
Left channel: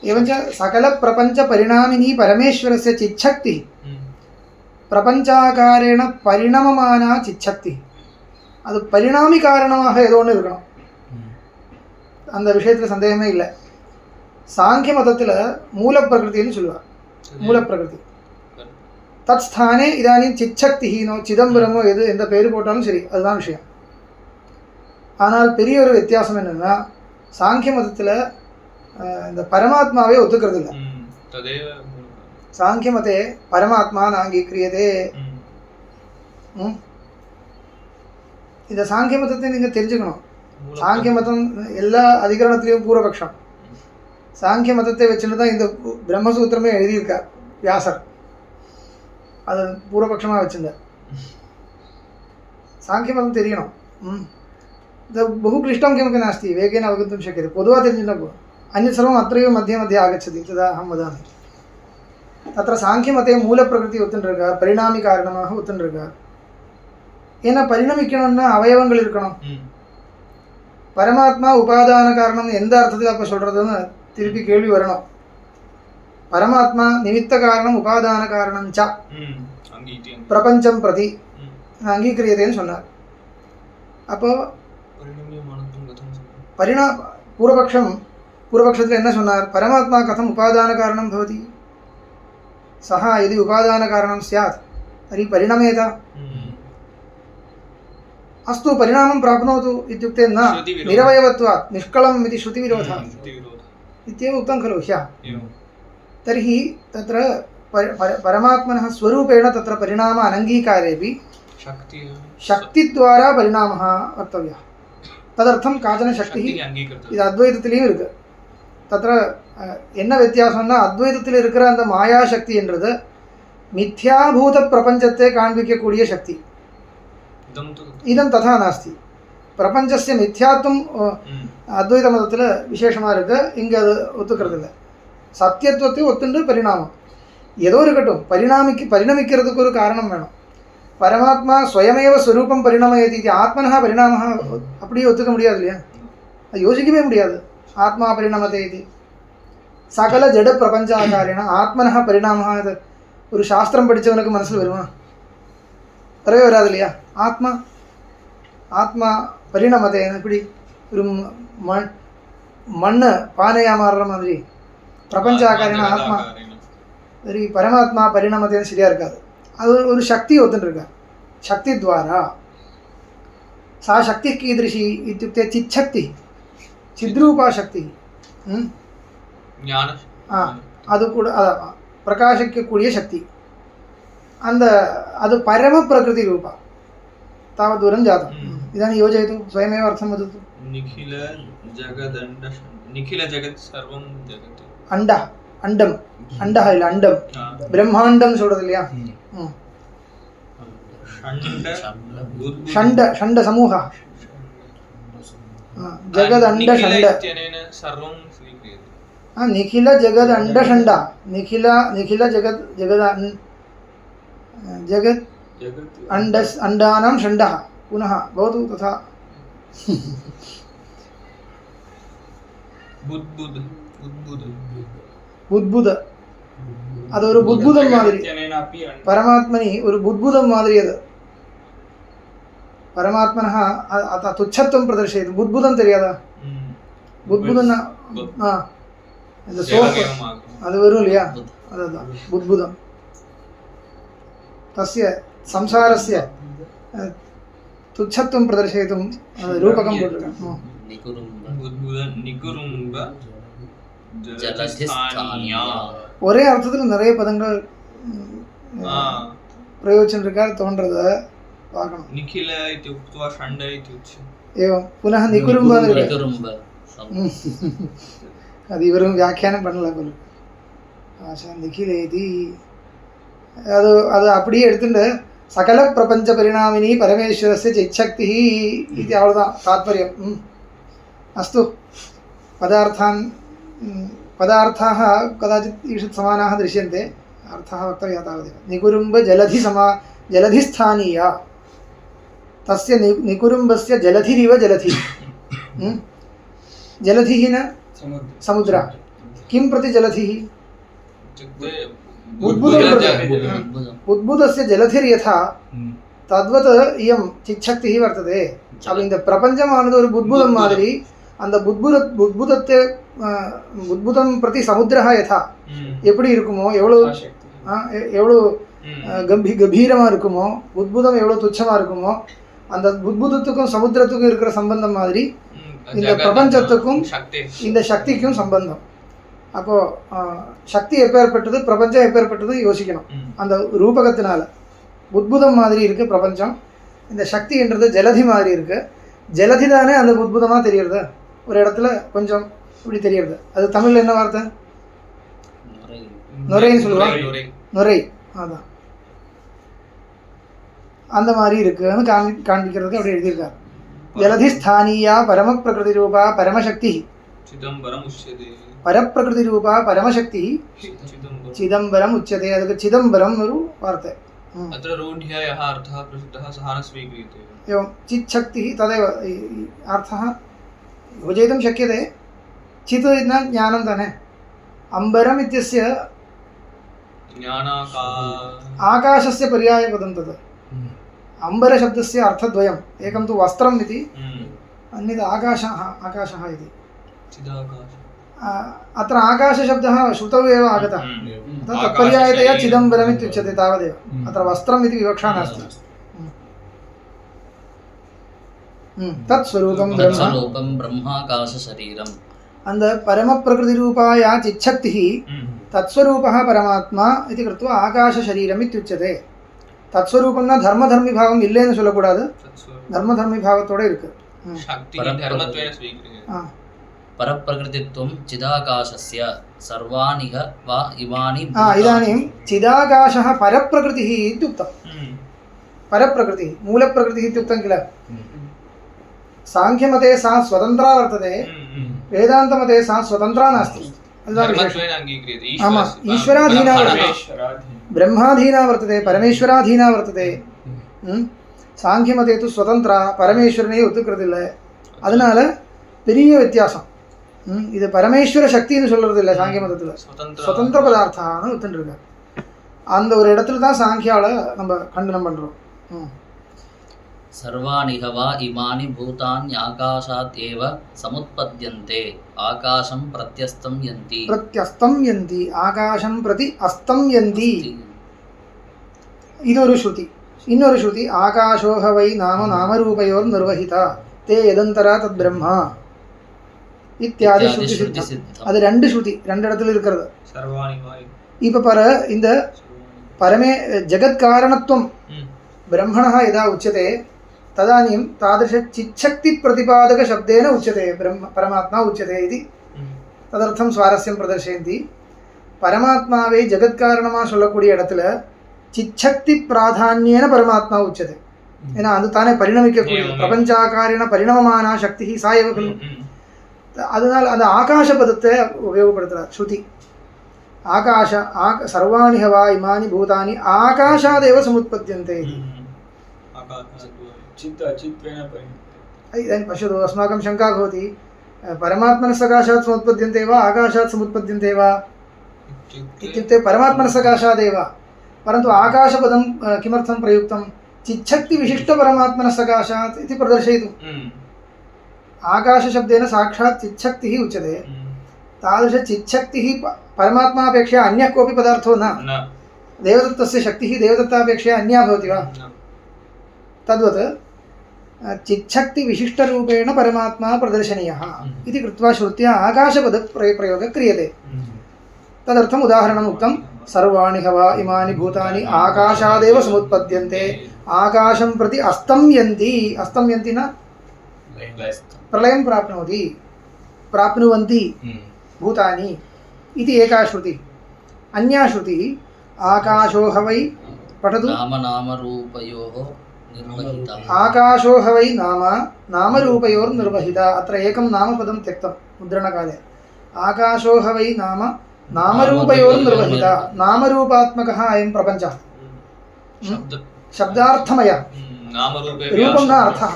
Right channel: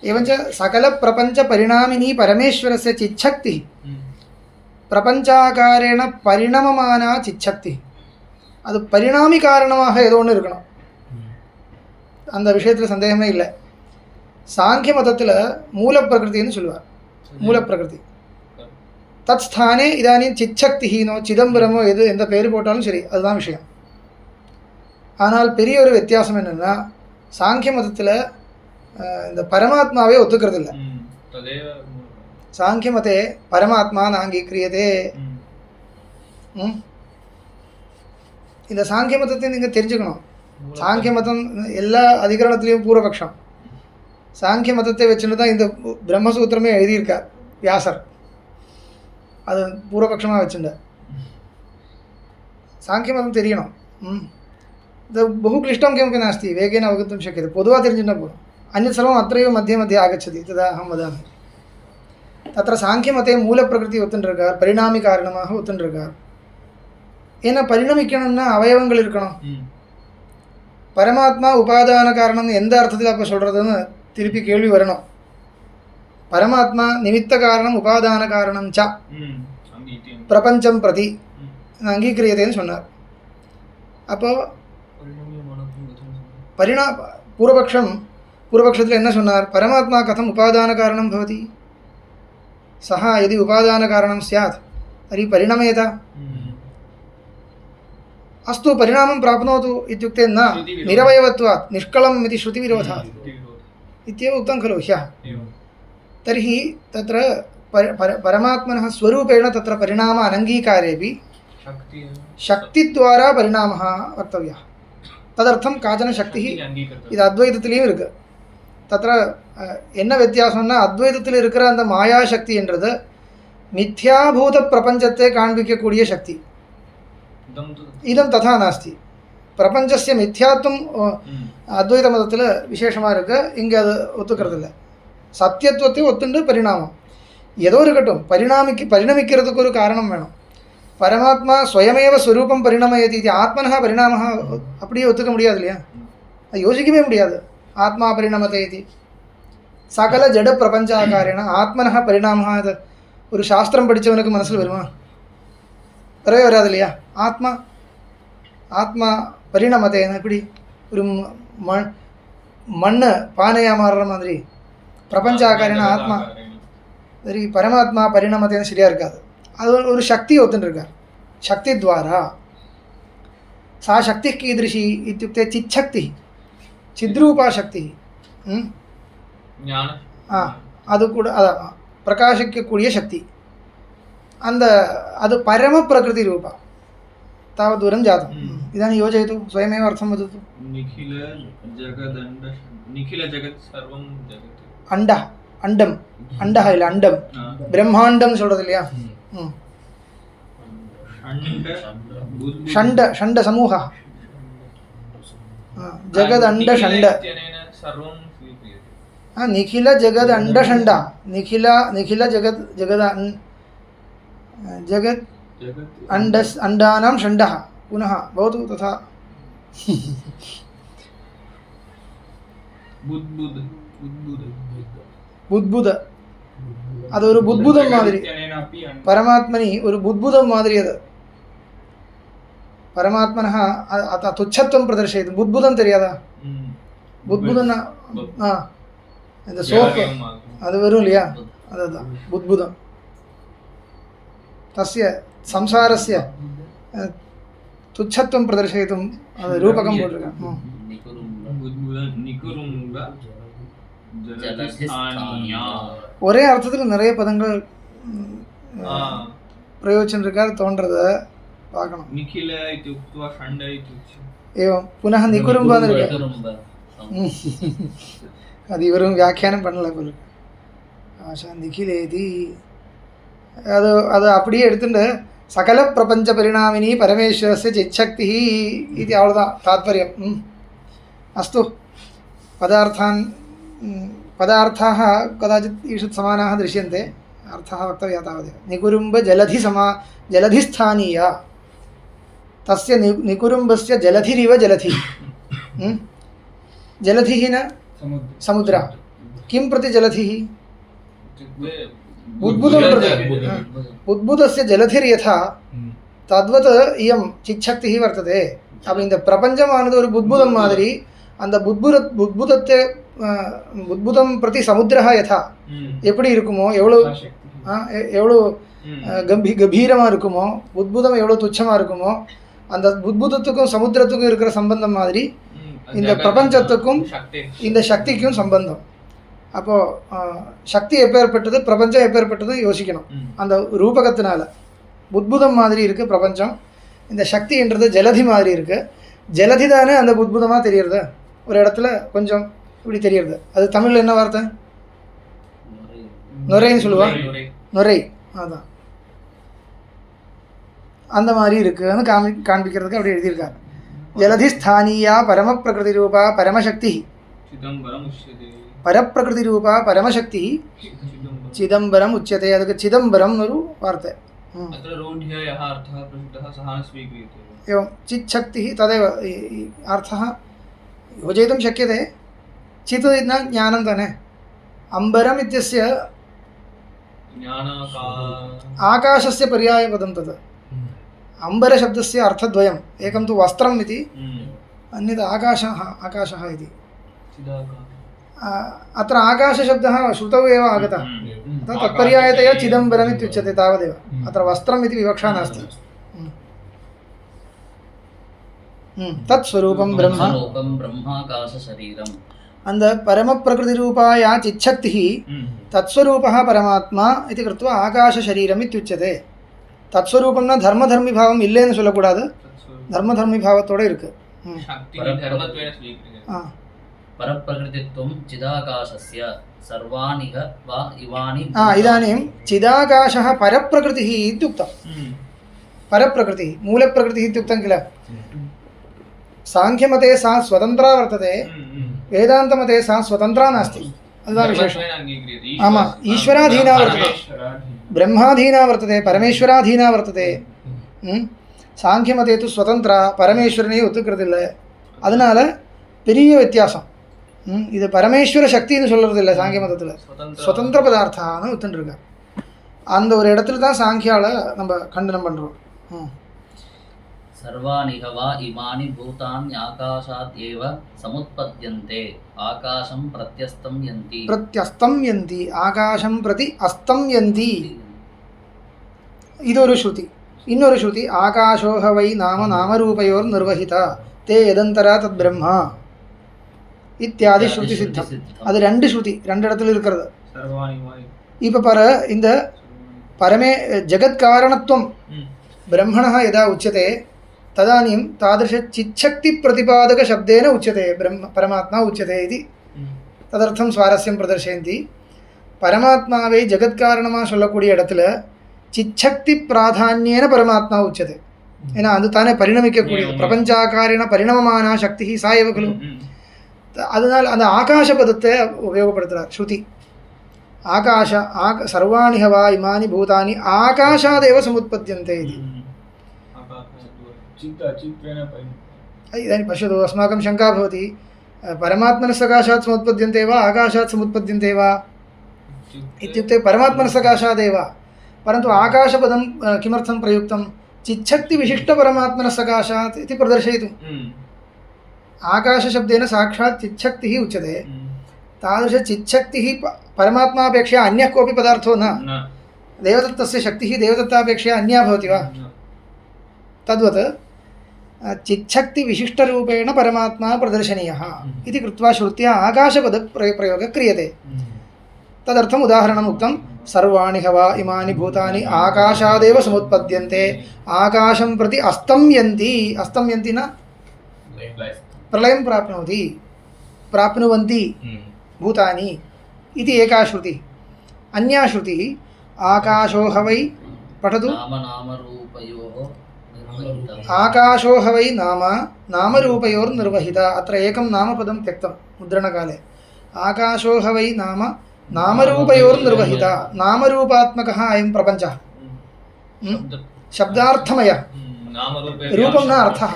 एवञ्च सकलप्रपञ्चपरिणामिनी परमेश्वरस्य चिच्छक्तिः பிரபஞ்சாகாரேன பரிணமமானா சிச்சக்தி, அது பரிணாமி காரணமாக ஏதோ ஒன்று இருக்கணும், அந்த விஷயத்தில் சந்தேகமே இல்லை. சாங்கிய மதத்தில் மூலப்பிரகிருத்தின்னு சொல்லுவார். மூலப்பிரகிருதி தத் ஸ்தானே இதானியும் சிச்சக்தினோ சிதம்பரமோ எது எந்த பேர் போட்டாலும் சரி, அதுதான் விஷயம். ஆனால் பெரிய ஒரு வித்தியாசம் என்னென்னா, சாங்கிய மதத்தில் இந்த பரமாத்மாவே ஒத்துக்கிறது இல்லை. சாங்கிய மதே பரமாத்மா நாங்கீக்கிரியதே. இந்த சாங்கிய மதத்தை நீங்கள் தெரிஞ்சுக்கணும். சாங்கிய மதம் எல்லா அதிகரணத்திலையும் பூர்வபக்ஷம். சாங்கிய மதத்தை வச்சுட்டு தான் இந்த பிரம்மசூத்திரமே எழுதியிருக்கார் வியாசர். அது பூர்வபக்ஷமாக வச்சுருந்தார். சாங்கிய மதம் தெரியணும். बहु क्लिष्टं किमपि नास्ति, वेगेन अवगन्तुं शक्यते. பொதுவாக தெரிஞ்சுன்னா போதும். अन्यत् सर्वम् अत्रैव मध्ये मध्ये आगच्छति, तदा अहं वदामि. तत्र சாங்கியமதே மூலப்பிரகிருதி ஒத்துன்றிருக்கார், பரிணாமி காரணமாக ஒத்துன்றிருக்கார். ஏன்னா பரிணமிக்கணும்னா அவயவங்கள் இருக்கணும். பரமாத்மா உபாதான காரணம் எந்த அர்த்தத்தில் அப்போ சொல்கிறதுன்னு திருப்பி கேள்வி வரணும். பரமாத்மா நிமித்த காரணம் உபாதான காரணம் ச பிரபஞ்சம் பிரதி அங்கீகரியதேன்னு சொன்னார். அப்போது பூர்வபக்ஷத்தில் என்ன சொன்னார்? பரமாத்மா கதம் உபாதான காரணம் பவதி, सः यदि उपादानकारणं स्यात् तर्हि परिणमेत। अस्तु परिणामं प्राप्नोतु इत्युक्ते न निरवयवत्वात् निष्कलम् इति श्रुतिविरोधः इत्येव उक्तं खलु ह्यः। तर्हि तत्र परमात्मनः स्वरूपेण तत्र परिणाम अनङ्गीकारेपि शक्तिद्वारा परिणामः वक्तव्यः. तदर्थं काचन शक्तिः இது அத்வைதத்திலையும் இருக்குது. தத்திர என்ன வித்தியாசம்னா, அத்வைதத்தில் இருக்கிற அந்த மாயா சக்தி என்றது மித்யாபூத பிரபஞ்சத்தை காண்பிக்கக்கூடிய சக்தி. இதம் ததா நாஸ்தி. பிரபஞ்சஸ்ய மித்யாத்வம் அத்வைத மதத்தில் விசேஷமாக இருக்குது. இங்கே அது ஒத்துக்கிறது இல்லை. சத்தியத்துவத்தை ஒத்துண்டு பரிணாமம் ஏதோ இருக்கட்டும், பரிணமிக்கிறதுக்கு ஒரு காரணம் வேணும். பரமாத்மா ஸ்வயமேவ ஸ்வரூபம் பரிணமயதி இது ஆத்மனः பரிணாமः அப்படியே ஒத்துக்க முடியாது இல்லையா? அது யோசிக்கவே முடியாது. ஆத்மா பரிணமத்தை இது சகல ஜட பிரபஞ்சாகாரேன ஆத்மனः பரிணாமः. அது ஒரு சாஸ்திரம் படித்தவனுக்கு மனசில் வருமா? வரவே வராது இல்லையா? ஆத்மா பரிணமத்தை எப்படி ஒரு மண்ணை பானையாக மாறுற மாதிரி பிரபஞ்சாகாரேன ஆத்மா. சரி, பரமாத்மா பரிணமத்தைன்னு சரியாக இருக்காது. அது ஒரு சக்தி ஒத்துருக்கார். சக்தி துவாரா சா சக்தி கீதृशी இत्युक्ते சிச்சக்தி, சித்ரூபா சக்தி. அது கூட பிரகாசிக்கக்கூடிய சக்தி. அந்த அது பரம பிரகிருதி ரூபா तावत् दूरं जातम्. इदानीं योजयतु, स्वयमेव अर्थं वदतु. निखिल जगत् सर्वं जगत् अण्डः अण्डम् अण्डः इल्ल अण्डं ब्रह्माण्डं சொல்றது இல்லையா? षण्ड षण्ड समूहः जगद अंड षण्ड निखिल जगद अंड षण्ड निखिल जगद जगद जगद अंडानां षण्डः पुनः भवतु तथा बुद्बुद அது ஒரு புத்புதம் மாதிரி. பரமாத்மனி ஒரு புத்புதம் மாதிரி. அது பரமாத்மனः துச்சத்துவம் பிரதர்ஷயது. புத்புதம் தெரியாதா? புத்புதம் இந்த சோப்பு அது வரும் இல்லையா? அதுதான் புத்புதம். தஸ்ய संसारस्य तुच्छत्वं प्रदर्शयितुं रूपकं போட்டிருக்காங்க. ஒரே அர்த்தத்தில் நிறைய பதங்கள் பிரயோஜனம் இருக்கார் தோன்றத பார்க்கணும். நிகில इति उक्त्वा षण्ड इति उच्यते. एवं पुनः निकुरुम्ब அது இவரும் வியாக்கியானம் பண்ணல போல. ஆஷா நிகிலேதி அது அது அப்படியே எடுத்துட்டு சகல பிரபஞ்ச பரிணாமினி பரமேஸ்வரஸ்ய சிச்சக்தி இது அவ்வளோதான் தாத்பரியம். அஸ்து पदार्थान् पदार्थाः कदाचित् ईषत् समानाः दृश्यन्ते अर्थः वक्तव्यः तावदेव जलधिस्थानीया तस्य निकुरुम्बस्य जलधिरिव जलधि जलधिः न समुद्र किं प्रति जलधिः इत्युक्ते उद्भुतस्य जलधिर्यथा तद्वत् इयं चिच्छक्तिः वर्तते அப்போ இந்த பிரபஞ்சமானது ஒரு புத்புதம் மாதிரி அந்த புத்புதம் பிரதி சமுத்திரஹ யதா எப்படி இருக்குமோ எவ்வளோ கம்பீரமாக இருக்குமோ புத்புதம் எவ்வளோ துச்சமாக இருக்குமோ அந்த புத்புதத்துக்கும் சமுத்திரத்துக்கும் இருக்கிற சம்பந்தம் மாதிரி இந்த பிரபஞ்சத்துக்கும் இந்த சக்திக்கும் சம்பந்தம். அப்போது சக்தி எப்பேற்பட்டது பிரபஞ்சம் எப்பேற்பட்டது யோசிக்கணும். அந்த ரூபகத்தினால புத்புதம் மாதிரி இருக்குது பிரபஞ்சம், இந்த சக்தின்றது ஜலதி மாதிரி இருக்குது. ஜலதி தானே அந்த புத்புதமாக தெரியுறது, ஒரு இடத்துல கொஞ்சம் இப்படி தெரியுறது. அது தமிழில் என்ன வார்த்தை? நுரைன்னு சொல்லுவாங்க. நுரை, அதான் அந்த மாதிரி இருக்குன்னு காண்பிக்கிறதுக்கு அப்படி எழுதியிருக்காங்க. ஜலதி ஸ்தானியா பரம பிரகிருதி ரூபா பரமசக்தி பரப்பிரகிருதி ரூபா பரமசக்தி சிதம்பரம் உச்சதே. அதுக்கு சிதம்பரம் ஒரு வார்த்தை. एवं चिच्छक्तिः तदेव अर्थः योजयितुं शक्यते. चित् न ज्ञानं ताने. अम्बरम् इत्यस्य आकाशस्य पर्यायपदं तत्. अम्बरशब्दस्य अर्थद्वयम्, एकं तु वस्त्रम् इति, अन्यत् आकाशः इति. अत्र आकाशशब्दः श्रुतौ एव आगतः, तत्पर्यायतया चिदम्बरम् इत्युच्यते तावदेव. अत्र वस्त्रम् इति विवक्षा नास्ति. तत्स्वरूपं ब्रह्माकाशशरीरम्. அந்த பரமப்பிரகிருதிரூபாயா சிச்சக்திः तत्स्वरूपः परमात्मा इति कृत्वा आकाशशरीरम् इत्युच्यते. தத்ஸ்வரூபம்னா தர்மதர்மி பாவம் இல்லைன்னு சொல்லக்கூடாது, தர்மதர்மி பாவத்தோட இருக்கு. परप्रकृतित्वं चिदाकाशस्य सर्वाणिह वा इमानि. इदानीं चिदाकाशः परप्रकृतिः इत्युक्तं. परप्रकृतिः मूलप्रकृतिः इत्युक्तं किल. सांख्यमते सा स्वतन्त्रा वर्तते, वेदान्तमते सा स्वतन्त्रा नास्ति. आमाम्, ईश्वराधीना वर्तते, ब्रह्माधीना वर्तते, परमेश्वराधीना वर्तते. சாங்கியமதே து ஸ்வதந்திரா, பரமேஸ்வரனே ஒத்துக்கிறது. அதனால பெரிய வித்தியாசம். இது பரமேஸ்வர சக்தின்னு சொல்கிறது இல்லை சாங்கிய மதத்தில், சுதந்திர பதார்த்தான்னு ஒத்துருக்க. அந்த ஒரு இடத்துல தான் சாங்கியால நம்ம கண்டனம் பண்ணுறோம். सर्वाणि वा इमानि भूतानि आकाशात् एव समुत्पद्यन्ते आकाशं प्रत्यस्तं यन्ति. प्रत्यस्तं यन्ति, आकाशं प्रति अस्तं यन्ति. इदोरु श्रुति. इन्नोरु श्रुति आकाशोह वै नाम नामरूपयोर् निर्वहिता ते यदन्तरा तद् ब्रह्म இத்தியாதி ஸ்ருதி சித்தம். அது ரெண்டு ஸ்ருதி, ரெண்டு இடத்துல இருக்கிறது. இப்போ பாரு, இந்த பரமே ஜகத்காரணத்துவம் ब्रह्मणः यदा उच्यते तदानीं तादृशचिच्छक्तिप्रतिपादकशब्देन उच्यते ब्रह्म परमात्मा उच्यते इति. तदर्थं स्वारस्यं प्रदर्शयन्ति. परमात्मावे जगत्कारणமாக சொல்லக்கூடிய இடத்துல चिच्छक्ति प्राधान्येन परमात्मा उच्यते. ஏன்னா அது தானே பரிணமிக்கக்கூடிய பிரபஞ்சாகாரின பரிணமமான சக்தி சா ஏவ खलु. அதனால் அந்த ஆகாச பதத்தை உபயோகப்படுத்துகிறார் ஸ்ருதி. आकाश सर्वाणि वा इमानि भूतानि आकाशादेव समुत्पद्यन्ते इति. इदानीं पश्यतु, अस्माकं शङ्का भवति, परमात्मनः सकाशात् समुत्पद्यन्ते वा आकाशात् समुत्पद्यन्ते वा इत्युक्ते परमात्मनः सकाशादेव. परन्तु आकाशपदं किमर्थं प्रयुक्तं? चिच्छक्तिविशिष्टपरमात्मनः सकाशात् इति प्रदर्शयितुम्. आकाशशब्देन साक्षात् चिच्छक्तिः उच्यते. तादृशचिच्छक्तिः परमात्मापेक्षया अन्यः कोऽपि पदार्थो न. देवदत्तस्य शक्तिः देवदत्तापेक्षया अन्या भवति वा? तद्वत् चिच्छक्तिविशिष्टरूपेण परमात्मा प्रदर्शनीयः इति कृत्वा श्रुत्या आकाशपदप्रयोगः क्रियते. तदर्थम् उदाहरणम् उक्तं. सर्वाणि वा इमानि भूतानि आकाशादेव समुत्पद्यन्ते आकाशं प्रति अस्तं यन्ति. अस्तं यन्ति न प्रलयं प्राप्नोति, प्राप्नुवन्ति भूतानि इति एका श्रुतिः. अन्या श्रुतिः आकाशोह वै, पठतु. नामरूपयोः निर्वहिता आकाशो ह वै नाम नामरूपयोर्निर्वहिता अत्र एकं नामपदं त्यक्तं मुद्रणकाले आकाशो ह वै नाम नामरूपयोर्निर्वहिता नामरूपात्मकः अयं प्रपञ्चः शब्दार्थमयः नामरूपे रूपं न अर्थः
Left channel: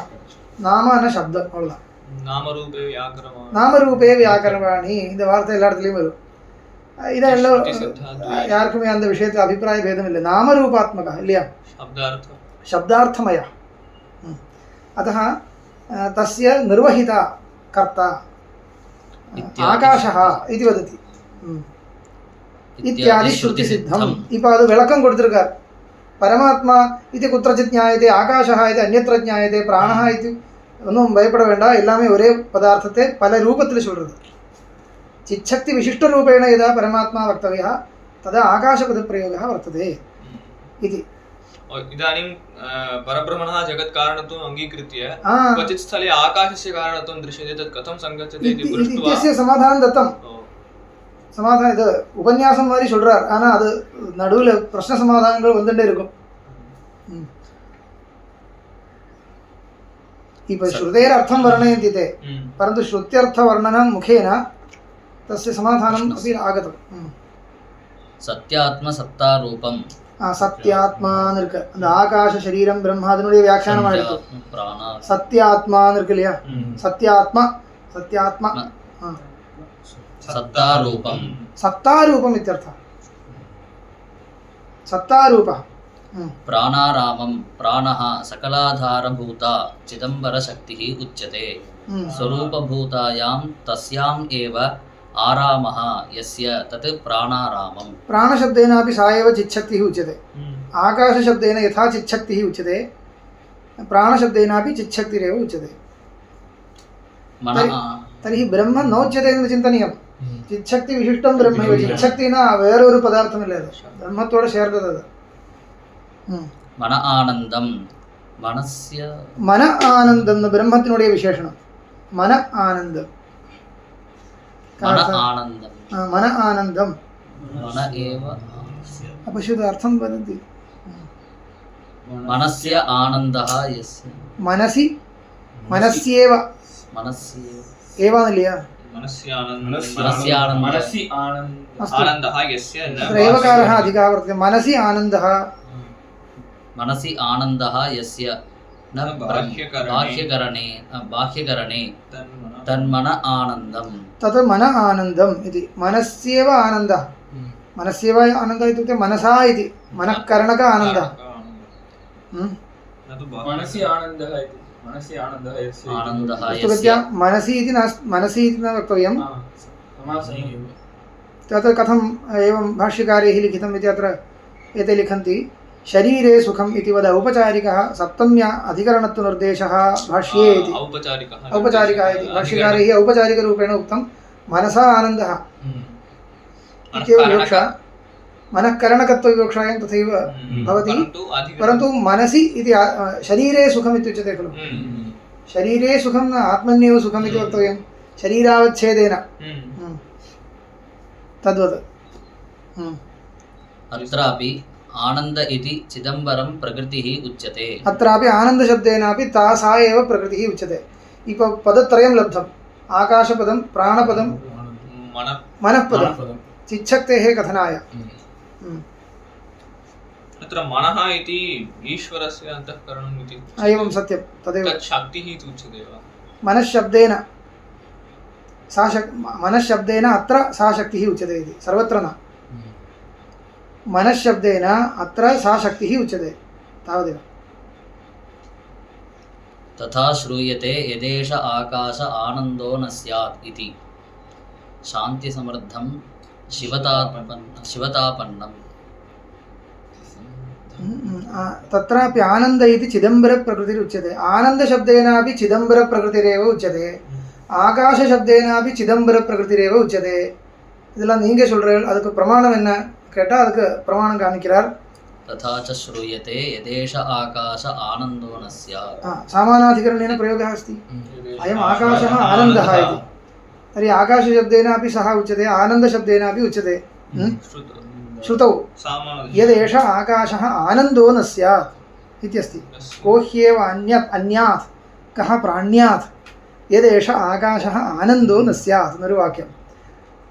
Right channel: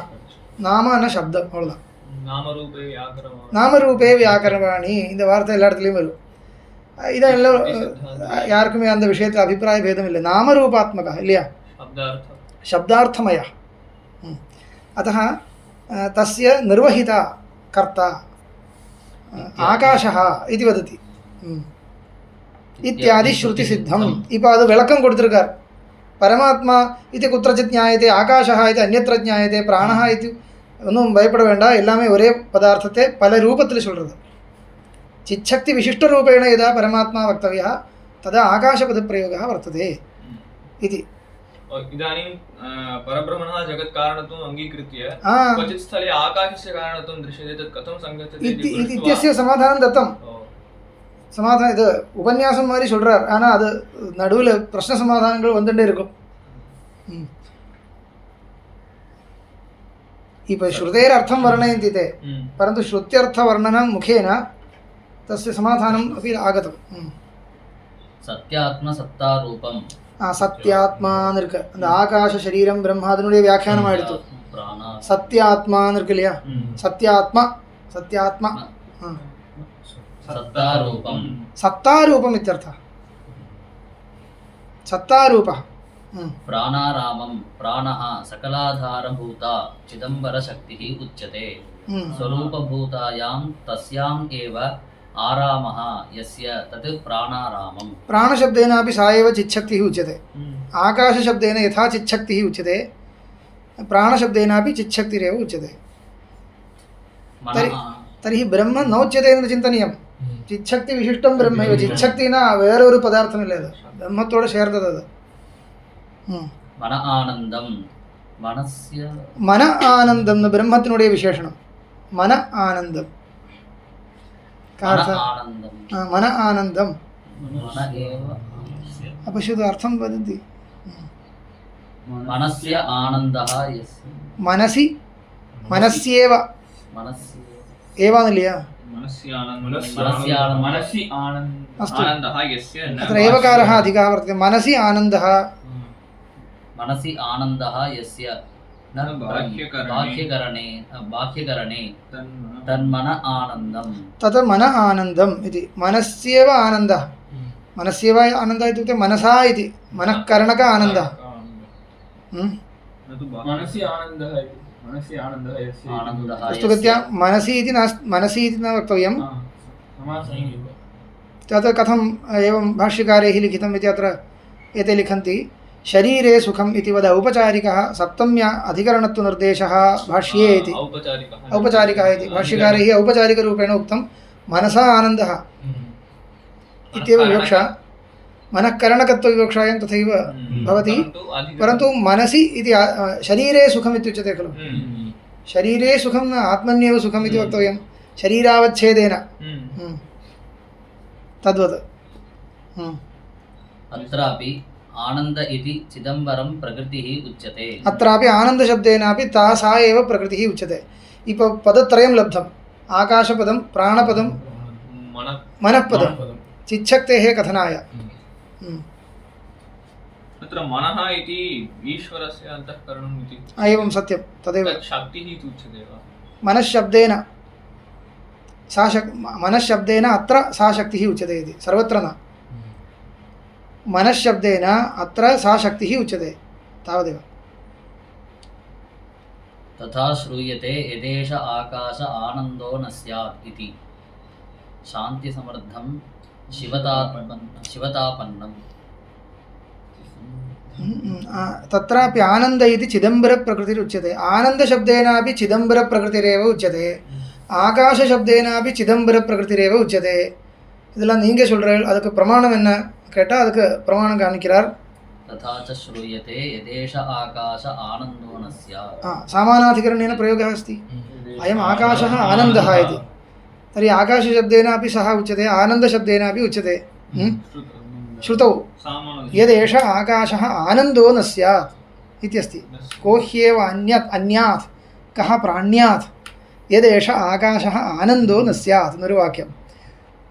नाम न शब्द अவ்வளவுதான் नामरूपे व्याकरणवाणी நாமரூபே வியாக்கரவாணி இந்த வார்த்தை எல்லா இடத்துலையும் வரும் இதெல்லாம் யாருக்குமே அந்த விஷயத்தில் அபிப்பிராய பேதம் இல்லை நாமரூபாத்மகः இல்லையா शब्दार्थमयः अतः तस्य निर्वहिता कर्ता आकाशः इति वदति इत्यादि श्रुतिसिद्धम् இப்போ அது விளக்கம் கொடுத்திருக்கார் பரமாத்மா இது குत्रचित् ஞாயते ஆகாஷः இது அந்யத்ர ஞாயते பிராணः இது ஒன்றும் பயப்பட வேண்டாம் எல்லாமே ஒரே பதார்த்தத்தை பல ரூபத்தில் சொல்கிறது चिच्छक्ति विशिष्टरूपेण यदा परमात्मा वक्तव्यः तदा आकाशपदप्रयोगः वर्तते इति इदानीं परब्रह्मणः जगत्कारणत्वम् अङ्गीकृत्य क्वचित् स्थले आकाशस्य कारणत्वं दृश्यते तत् कथं सङ्गच्छति इत्यस्य समाधानं दत्तं சமாதானம் இது உபன்யாசம் மாதிரி சொல்றார் ஆனால் அது நடுவில் பிரச்சனை சமாதானங்கள் வந்துட்டே இருக்கும் இப்போ श्रुतेरर्थं वर्णयन्ति ते परन्तु श्रुत्यर्थवर्णनं मुखेन तस्य समाधानम् अपि आगतं சத்யாத்மசத்தாரூபம் சத்யாத்மான்னு இருக்கு அந்த ஆகாச சரீரம் பிரம்மா அதனுடைய வியாக்கியானம் ஆயிடுத்து சத்யாத்மான்னு இருக்கு இல்லையா சத்யாத்மா சத்யாத்மா सत्तारूपं सत्तारूपम् इत्यर्थः सत्तारूपः प्राणारामं प्राणः सकलाधारभूता चिदम्बरशक्तिः उच्यते स्वरूपभूतायां तस्याम् एव आरामः यस्य तत् प्राणारामं प्राणशब्देनापि सा एव चिच्छक्तिः उच्यते आकाशशब्देन यथा चिच्छक्तिः उच्यते प्राणशब्देनापि चिच्छक्तिरेव उच्यते तर्हि ब्रह्म नोच्यते इति चिन्तनीयं चिच्छक्ति विशिष्टं ब्रह्म चिच्छक्ति न वेरोरु पदार्थमिल्ल ब्रह्मत्वोड सेर्तदु मन आनन्दं मनस्य मन आनन्दं ब्रह्मत्तिनुடைய विशेषणं मन आनन्दं मन आनन्दं मन एव अपश्यतु अर्थं वदन्ति मनस्य आनन्दः यस्य मनसि मनस्येव एवानलिया मनसि आनन्दः यस्य अत्र एवकारः अधिकः वर्तते मनसि आनन्दः यस्य न बाह्यकरणे तन्मन आनन्दं तत् मन आनन्दम् इति मनस्येव आनन्दः मनस्येव आनन्दः इत्युक्ते मनसा इति मनःकरणक आनन्दः मनसि आनन्दः इति मनसि आनन्दः यस्य पुस्तकस्य मनसि इति न वक्तव्यं तत्र कथम् एवं भाष्यकारैः लिखितम् इति अत्र एते लिखन्ति शरीरे सुखम् इति वद औपचारिकः सप्तम्या अधिकरणत्वनिर्देशः भाष्ये इति औपचारिकः इति भाष्यकारैः औपचारिकरूपेण उक्तं मनसा आनन्दः इत्येव विवक्षा मनःकरणकत्वविवक्षायां तथैव भवति परन्तु मनसि इति शरीरे सुखम् इत्युच्यते खलु शरीरे सुखं न आत्मन्येव सुखम् इति वक्तव्यं शरीरावच्छेदेन तद्वत् अत्रापि आनन्द इति चिदम्बरं प्रकृतिः उच्यते अत्रापि आनन्दशब्देनापि ता सा एव प्रकृतिः उच्यते इप पदत्रयं लब्धम् आकाशपदं प्राणपदं मनःपदं चिच्छक्तेः कथनाय तत्र मनः इति ईश्वरस्य अन्तःकरणम् इति एवं सत्यं तदेव शक्तिः इति उच्यते वा मनश्शब्देन मनश्शब्देन अत्र सा शक्तिः उच्यते इति सर्वत्र न मनश्शब्देन अत्र सा शक्तिः उच्यते तावदेव तथा श्रूयते यदेष आकाश आनन्दो न स्यात् इति शान्तिसमृद्धं शिवतापन्नं तत्रापि आनन्द इति चिदम्बरप्रकृतिरुच्यते आनन्दशब्देनापि चिदम्बरप्रकृतिरेव उच्यते ஆகாசசப்தேனாபி சிதம்பரப்பிரகிருதிரேவ உச்சதே இதெல்லாம் நீங்கள் சொல்கிறீர்கள் அதுக்கு பிரமாணம் என்ன கேட்டால் அதுக்கு பிரமாணம் காணிக்கிறார் तथा च श्रूयते यदेष आकाश आनन्दो न स्यात् सामानाधिकरणेन प्रयोगः अस्ति अयम् आकाशः आनन्दः इति तर्हि आकाशशब्देनापि सः उच्यते आनन्दशब्देनापि उच्यते श्रुतौ यदेष आकाशः आनन्दो न स्यात् इत्यस्ति को ह्येव अन्यात् कः प्राण्यात् यदेष आकाशः आनन्दो न स्यात् निर्वाक्यम्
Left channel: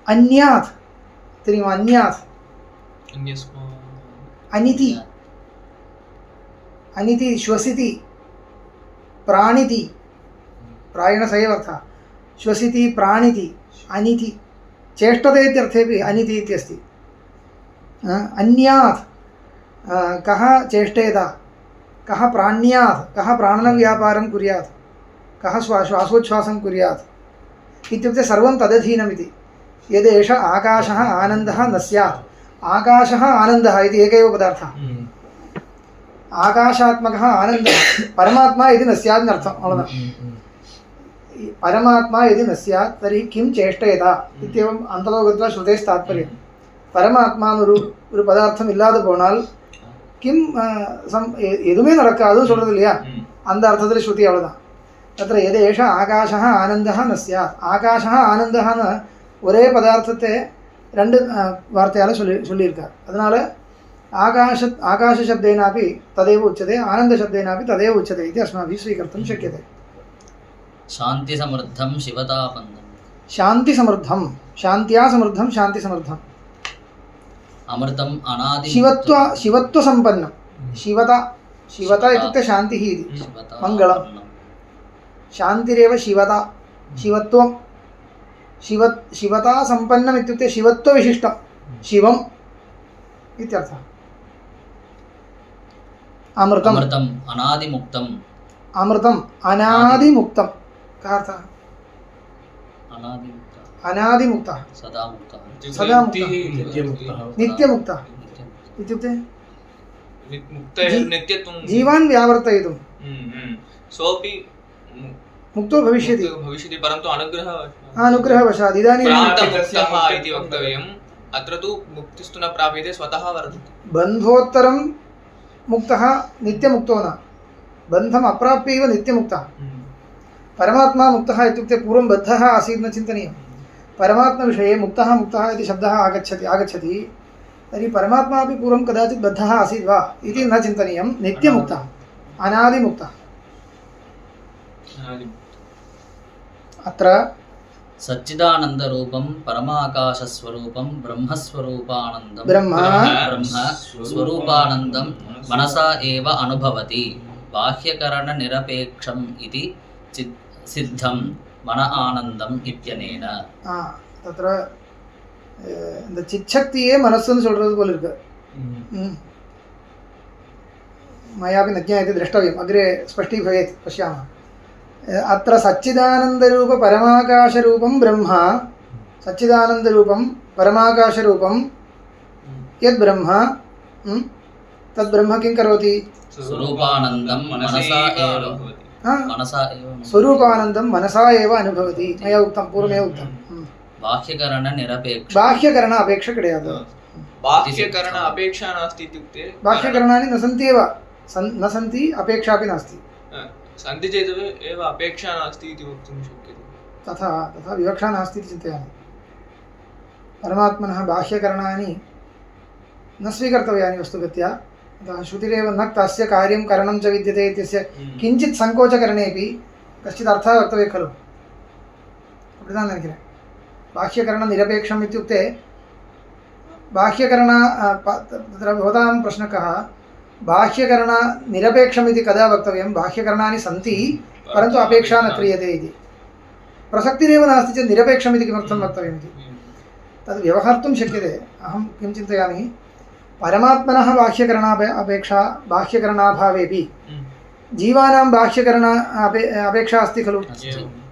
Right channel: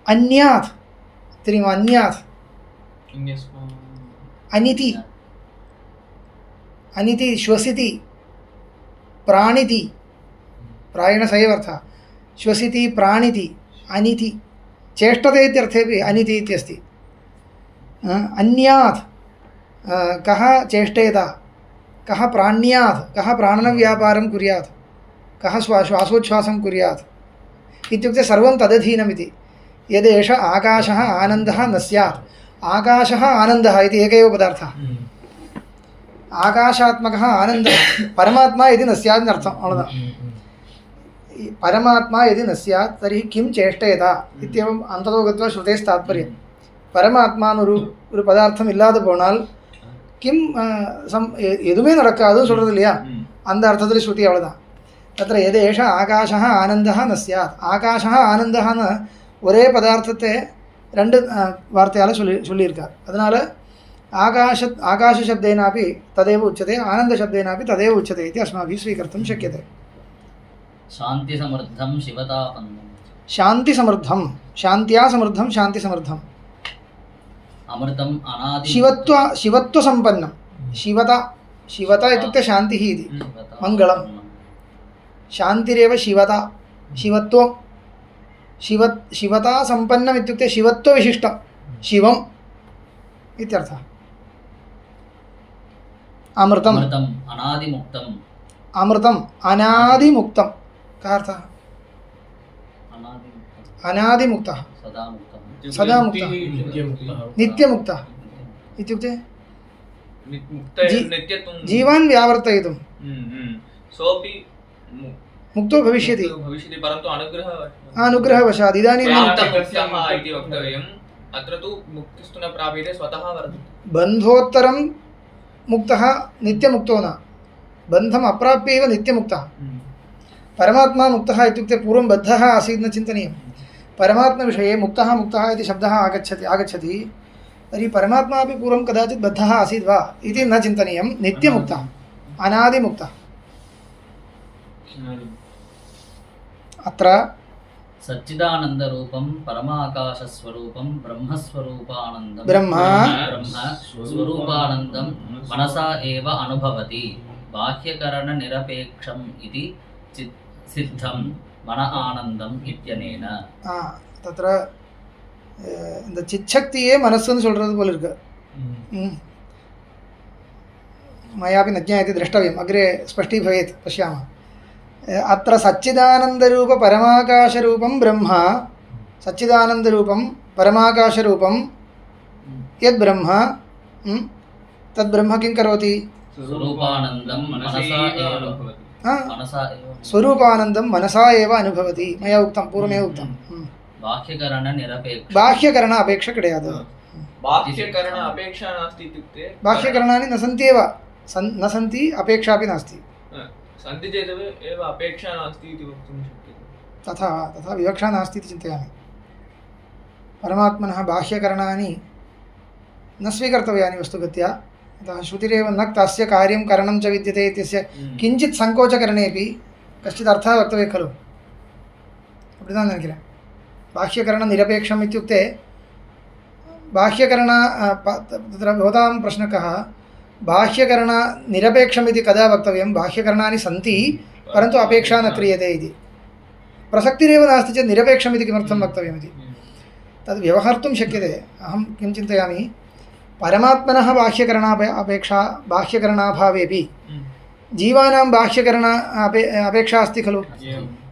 अन्यात् तर्हि अन्यात् अनिति अनिति श्वसिति प्राणिति प्रायेण स एव अर्थः श्वसिति प्राणिति अनिति चेष्टते इत्यर्थेपि अनिति इत्यस्ति अन्यात् कः चेष्टेत कः प्राण्यात् कः प्राणनव्यापारं कुर्यात् कः श्वासोच्छ्वासं कुर्यात् इत्युक्ते सर्वं तदधीनमिति यदेष आकाशः आनन्दः न स्यात् आकाशः आनन्दः इति एक एव पदार्थः आकाशात्मकः आनन्दः परमात्मा यदि न स्यात् अर्थम् परमात्मा यदि न स्यात् तर्हि किं चेष्टेत इत्येवम् अन्ततो गत्वा श्रुतेस्तात्पर्यं परमात्माன்னு ஒரு பதார்த்தம் இல்லாத போனால் கிம் எதுவுமே நடக்காது சொல்றது இல்லையா அந்த அர்த்தத்தில் ஸ்ருதி அவ்வளோதான் தத்திர எதேஷ ஆகாஷः ஆனந்தः न स्यात् ஆகாஷः ஆனந்தஹன்னு ஒரே பதார்த்தத்தை ரெண்டு வார்த்தையால் சொல்லியிருக்கார் அதனால आकाश शब्देनापि तदेव उच्यते आनंद शब्देनापि तदेव उच्यते इति अस्माभिः स्वीकर्तुं शक्यते शांति समृद्धं शिवतापन्नं शांति समृद्धं शान्त्या समृद्धं शांति समृद्धम् अमृतम् अनादि शिवत्व संपन्नं शिवता इत्युक्ते शान्तिः इति मङ्गलं शान्तिरेव शिवत्वं शिवता संपन्नम् इत्युक्ते शिवत्वविशिष्टं शिवम् इत्यर्थः अमृतम् अनादिमुक्तम् अमृतम् अनादिमुक्तं कः अर्थः अनादिमुक्तः सदा मुक्तः नित्यमुक्तः इत्युक्ते जीवान् व्यावर्तयितुं सोऽपि मुक्तो भविष्यति परन्तु अनुग्रहवशात् इदानीं मुक्तः इति वक्तव्यम् अत्र तु मुक्तिस्तु न प्राप्यते स्वतः वर्तते बन्धोत्तरं मुक्तः नित्यमुक्तो न बन्धम् अप्राप्यैव नित्यमुक्तः परमात्मा मुक्तः इत्युक्ते पूर्वं बद्धः आसीत् न चिन्तनीयं परमात्मविषये मुक्तः इति शब्दः आगच्छति तर्हि परमात्मा अपि पूर्वं कदाचित् बद्धः आसीत् वा इति न चिन्तनीयं नित्यमुक्तः अनादिमुक्तः अत्र सच्चिदानन्दरूपं परमाकाशस्वरूपं ब्रह्मस्वरूपानन्दं ब्रह्म स्वरूपानन्दं मनसा एव अनुभवति बाह्यकरणनिरपेक्षम् इति सिद्धं मन आनन्दम् इत्यनेन तत्र இந்த சிச்சக்தியே மனசுன்னு சொல்றது போல இருக்கு मयापि न ज्ञायते द्रष्टव्यम् अग्रे स्पष्टीभवेत् पश्यामः अत्र सच्चिदानन्दरूप परमाकाशरूपं ब्रह्म सच्चिदानन्दरूपं परमाकाशरूपं यद् ब्रह्म तद् ब्रह्म किं करोति स्वरूपानन्दं स्वरूपानन्दं मनसा एव अनुभवति मया उक्तं पूर्वमेव उक्तं बाह्यकरण अपेक्षा கிடையாது बाह्यकरण अपेक्षा नास्ति इत्युक्ते बाह्यकरणानि न सन्ति एव न सन्ति अपेक्षापि नास्ति सन्ति चेत् एव अपेक्षा नास्ति इति वक्तुं शक्यते तथा विवक्षा नास्ति इति चिन्तयामि परमात्मनः बाह्यकरणानि न स्वीकर्तव्यानि वस्तुगत्या अतः श्रुतिरेव न तस्य कार्यं करणं च विद्यते इत्यस्य किञ्चित् सङ्कोचकरणेपि कश्चित् अर्थः वक्तव्यः खलु அப்படிதான் நினைக்கிறேன் बाह्यकरणनिरपेक्षम् इत्युक्ते बाह्यकरण तत्र भवतां प्रश्नः कः बाह्यकरणनिरपेक्षम् इति कदा वक्तव्यं बाह्यकरणानि सन्ति परन्तु अपेक्षा न क्रियते इति प्रसक्तिरेव नास्ति चेत् निरपेक्षम् इति किमर्थं वक्तव्यमिति तद् व्यवहर्तुं शक्यते अहं किं चिन्तयामि परमात्मनः बाह्यकरणाभावेपि जीवानां बाह्यकरण अपेक्षा अस्ति खलु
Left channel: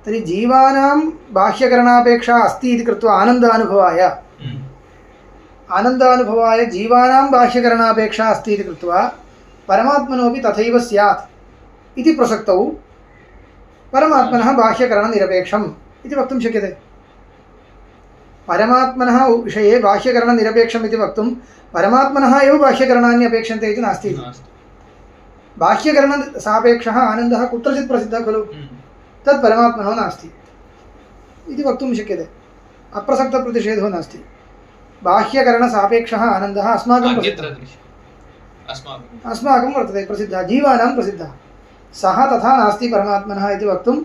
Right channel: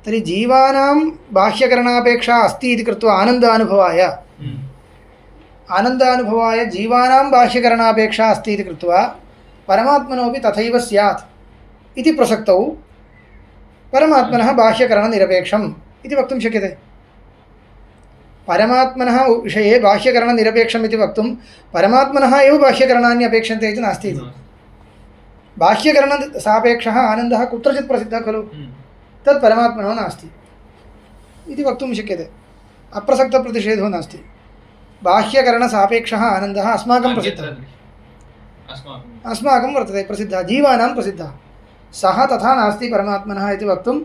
तर्हि जीवानां बाह्यकरणापेक्षा अस्ति इति कृत्वा आनन्दानुभवाय जीवानां बाह्यकरणापेक्षा अस्ति इति कृत्वा परमात्मनोपि तथैव स्यात् इति प्रसक्तौ परमात्मनः बाह्यकरणनिरपेक्षम् इति वक्तुं शक्यते परमात्मनः विषये बाह्यकरणनिरपेक्षम् इति वक्तुं परमात्मनः एव बाह्यकरणानि अपेक्षन्ते इति नास्ति बाह्यकरणसापेक्षः आनन्दः कुत्रचित् प्रसिद्धः खलु तत् परमात्मनो नास्ति इति वक्तुं शक्यते अप्रसक्तप्रतिषेधो नास्ति बाह्यकरणसापेक्षः आनन्दः अस्माकं प्रसिद्धः अस्माकं वर्तते प्रसिद्धः जीवानां प्रसिद्धः सः तथा नास्ति परमात्मनः इति वक्तुम्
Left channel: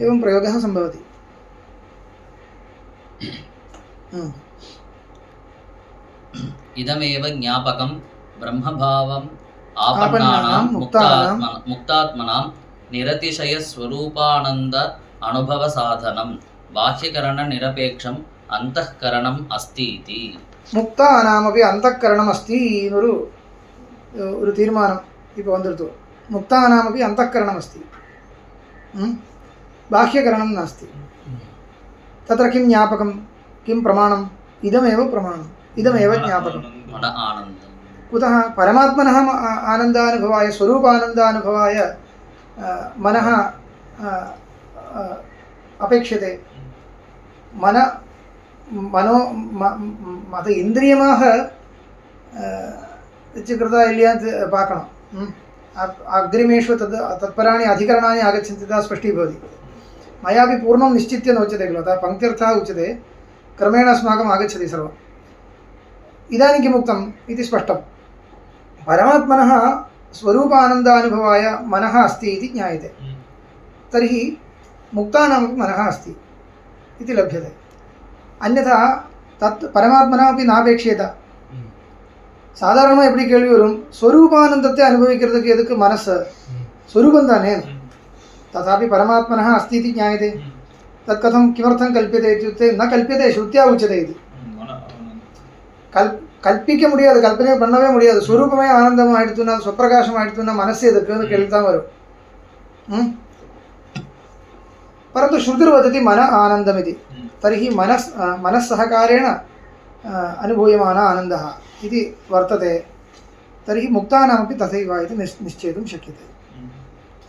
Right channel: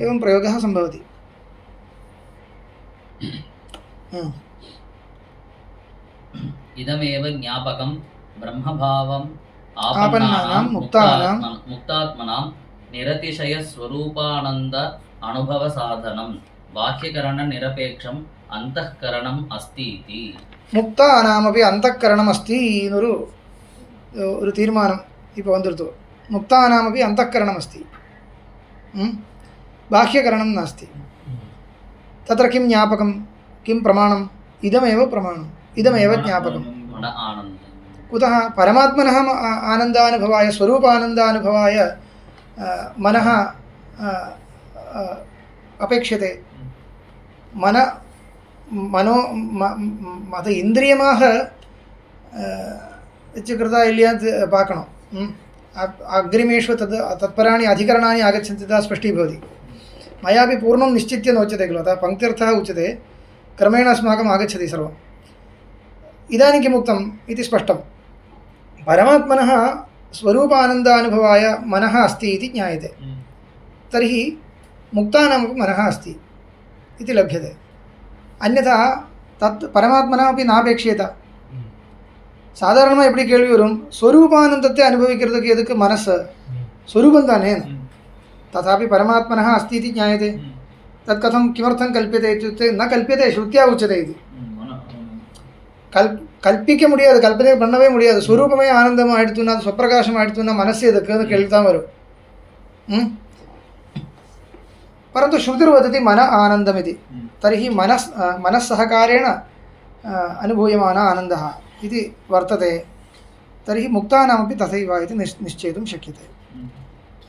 एवं प्रयोगः सम्भवति इदमेव ज्ञापकं ब्रह्मभावम् आपन्नानां मुक्तात्मनां निरतिशयस्वरूपानन्द अनुभवसाधनं बाह्यकरणनिरपेक्षम् अन्तःकरणम् अस्ति इति മുക്താനാമപി അന്തഃകരണം അസ്തി എന്നൊരു ഒരു തീരുമാനം ഇപ്പോൾ വന്നിരുത്തു മുക്താനാമപി അന്തഃകരണം അസ്തി ബാഹ്യകരണം നാസ്തി തത്ര കിം ജ്ഞാപകം കിം പ്രമാണം ഇദമേവ പ്രമാണം ഇദമേവ ജ്ഞാപകം കുതഃ പരമാത്മനഃ ആനന്ദാനുഭവായ സ്വരൂപാനന്ദാനുഭവായ മനഃ അപേക്ഷ്യത്തെ மனோ அது இந்திரியமாக कृता இல்லையான்னு பார்க்கணும் अग्रिमेषु तद् तत्पराणि अधिकरणानि आगच्छन्ति तदा स्पष्टीभवति मयापि पूर्णं निश्चित्य नोच्यते खलु अतः पङ्क्त्यर्थः उच्यते क्रमेण अस्माकम् आगच्छति सर्वम् इदानीं किम् उक्तम् इति स्पष्टं परमात्मनः स्वरूपानन्दानुभवाय मनः अस्ति इति ज्ञायते तर्हि मुक्तानामपि मनः अस्ति इति लभ्यते अन्यथा तत् परमात्मना अपि नापेक्ष्येत சாதாரணமாக எப்படி கேள்வி வரும் ஸ்வரூபானந்தத்தை அனுபவிக்கிறதுக்கு எதுக்கு மனசு ஸ்வரூபம் தானே तथापि परमात्मनः अस्ति इति ज्ञायते तत् कथं किमर्थं कल्प्यते इत्युक्ते न कल्प्यते श्रुत्या उच्यते इति கல்பிக்க முடியாது கல்பனை பண்ணவே முடியாது ஸ்வரூபமே ஆனந்தமாக ஆயிடுத்துன்னா சுப்பிரகாசம் ஆயிடுத்துன்னா மனசு எதுக்குன்னு கேள்வி தான் வரும் परन्तु श्रुतिर्वदति मन आनन्दमिति तर्हि मनस्सहकारेण अनुभूयमान आनन्दः इति वर्तते तर्हि मुक्तानामपि तथैव इति निश्चेतुं शक्यते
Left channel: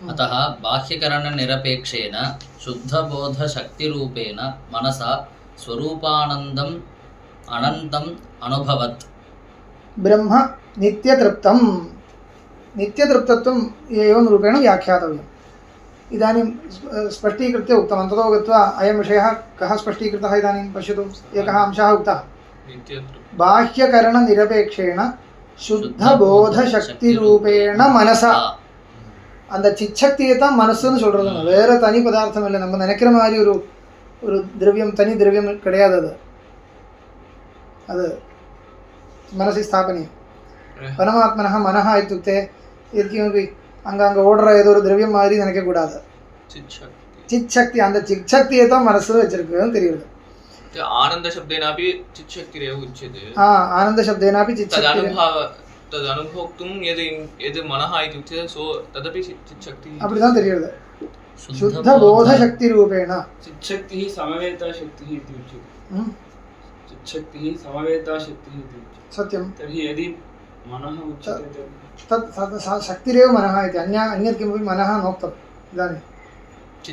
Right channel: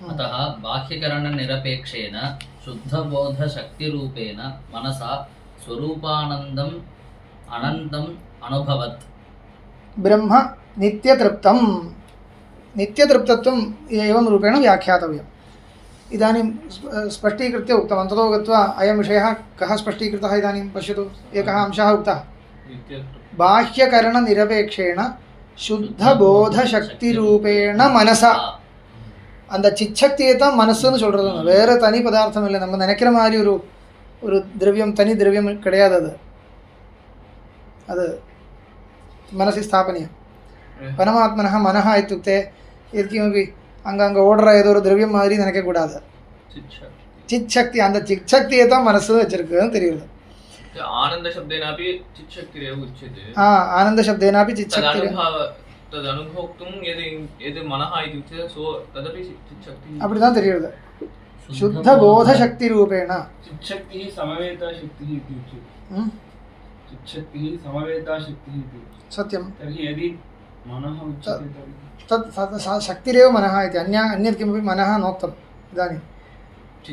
अतः बाह्यकरणनिरपेक्षेन शुद्धबोधशक्तिरूपेण मनसा स्वरूपानन्दम् अनन्तम् अनुभवत् ब्रह्म नित्यतृप्तत्वम् एवं रूपेण व्याख्यातव्यम् इदानीं स्पष्टीकृत्य उक्तवान् ततो गत्वा अयं विषयः कः स्पष्टीकृतः इदानीं पश्यतु एकः अंशः उक्तः बाह्यकरणनिरपेक्षेण शुद्धबोधशक्तिरूपेण मनसा அந்த சிச்சக்தியை தான் மனசுன்னு சொல்கிறது வேறு தனி பதார்த்தம் இல்லை நம்ம நினைக்கிற மாதிரி ஒரு திரவியம் தனி திரவியம் கிடையாது அது मनसि स्थापनीयं परमात्मनः मनः इत्युक्ते यत्किमपि அங்கங்கே ஓடுற ஏதோ ஒரு திரவியம் மாதிரி நினைக்கக்கூடாது சிச்சக்தி அந்த சிச்சக்தியை தான் மனசு வச்சிருக்குன்னு தெரியுது आनंद शब्देनापि चित्शक्तिरेव उच्यते आनंद शब्देनापि चित्शक्ति तद् अनुभोक्तुं यद् मनः इति उच्यते सो तदपि चित्शक्ति அப்படிதான் தெரியுது शुद्ध बोध शक्ति रूपेण चित्शक्तिः समवेता शक्तिः इति उच्यते चित्शक्तिः समवेता शक्तिः इति सत्यं तर्हि यदि मनः उच्यते तत् शक्तिरेव मनः इति अन्यत् किमपि मनः नोक्तम् इदानीं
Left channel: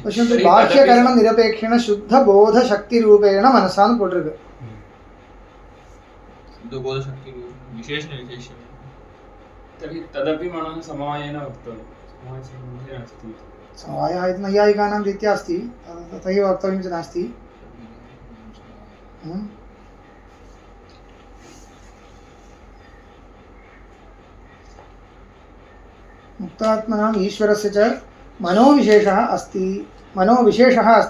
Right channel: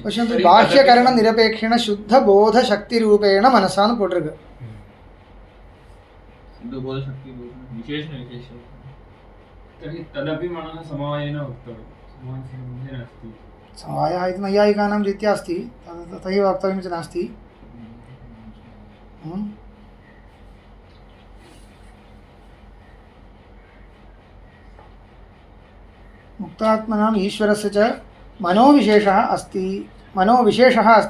पश्यन्तु बाह्यकरणनिरपेक्षेण शुद्धबोधशक्तिरूपेण मनसा पोटिरुक्कु शुद्धबोधशक्ति विशेषण तर्हि तदपि मनः समवायेन वक्तव्यं समवायसम्बन्धेन अस्ति समवायः इति नैयायिकानां रीत्या अस्ति तथैव वक्तव्यं च नास्ति मुक्तात्मनाम् ईश्वरस्य च मनोविशेषः अस्ति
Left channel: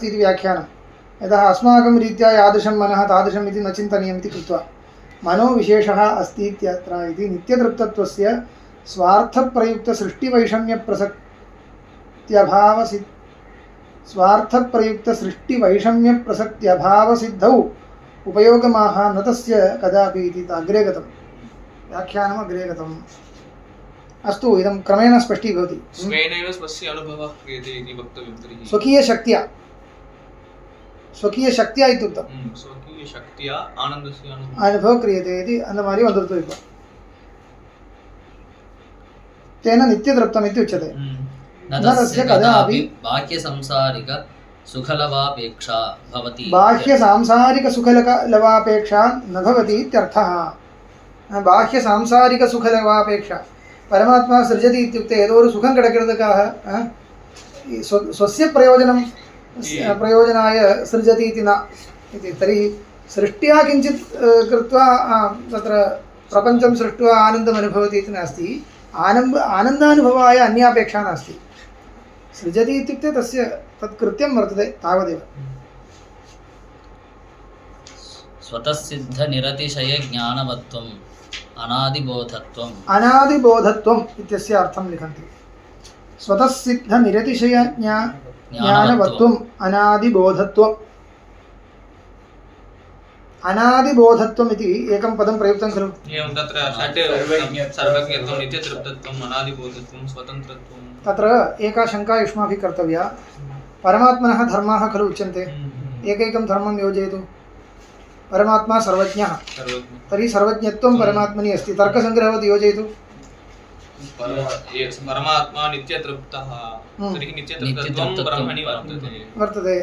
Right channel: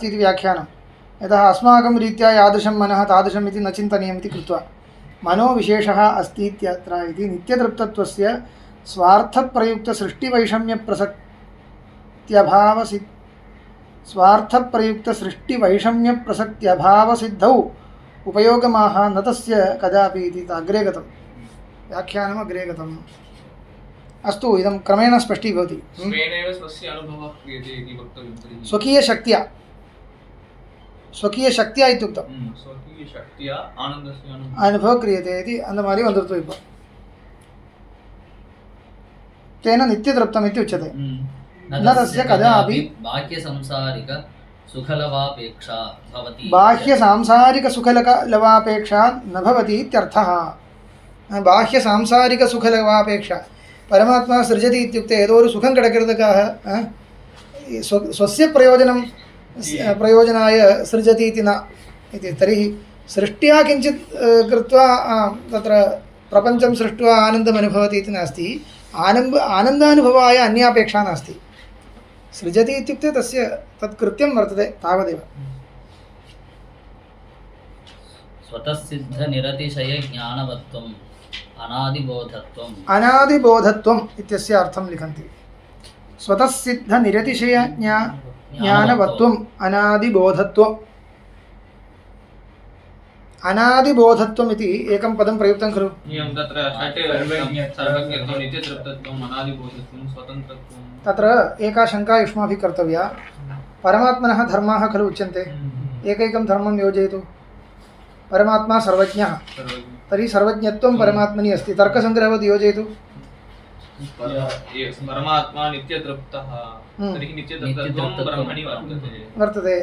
इति व्याख्यानं यतः अस्माकं रीत्या यादृशं मनः तादृशम् इति न चिन्तनीयम् इति कृत्वा मनोविशेषः अस्ति इत्यत्र इति नित्यतृप्तत्वस्य स्वार्थप्रयुक्तसृष्टिवैषम्यप्रसक्त्यभावसिद्धौ उपयोगमाह न तस्य कदापि इति अग्रे गतं व्याख्यानम् अग्रे गतम् अस्तु इदं क्रमेण स्पष्टीभवति स्वेनैव स्वस्य अनुभवः क्रियते इति वक्तव्यं तर्हि स्वकीयशक्त्या इत्युक्तं स्वकीयशक्त्या आनन्दस्य अनुभवः क्रियते इति அந்த மாதிரி வந்துருது இப்போ तेन नित्यतृप्तम् इति उच्यते न तस्य कदापि बाह्यसंसारिकसुखलवापेक्षा भवति बाह्यसांसारिकसुखलवापेक्षा न भवति इत्यर्थः बाह्यसांसारिकसुखलवापेक्षा परमात्मा सृजति इत्युक्ते ஏதோ ஒரு சுகம் கிடைக்கிறதுக்காக स्वस्य प्रयोजनाय सृजति इति न इति तर्हि सृष्ट्या किञ्चित् कृत्वा तत्र प्रपञ्चं सृष्ट्वा आनन्दम् अनुभवति इति नास्ति आनन्दानुभवाय अन्यापेक्षा नास्ति सृजति इत्युक्ते तस्य तत् कृत्यं वर्तते तावदेव स्वतःसिद्धनिरतिशयज्ञानवत्वम् अनादिबोधत्वम् इत्यस्य अर्थं लिखन्ति स्वतःसिद्धनिरतिशयज्ञानवत्वम् अनादिबोधत्वम् अनादिबोधत्वम् इति एकं पदं प्रयुक्तं खलु एवं तत्र सर्वज्ञत्वं नित्यतृप्तत्वम् अनादिबोधत्वं स्वतन्त्रत्वं तत्र एका शङ्का युष्माभिः कर्तव्या परमात्मनः धर्माः खलु उच्यन्ते एकैकं धर्मं योजयतु परमात्मा सर्वज्ञः तर्हि सर्वज्ञत्वं परमात्मनि अस्ति तर्कसङ्ग्रहवत् योजयतु परमात्मा नित्यतृप्तः तर्हि नित्यतृप्तत्वं ब्रह्मणि वर्तते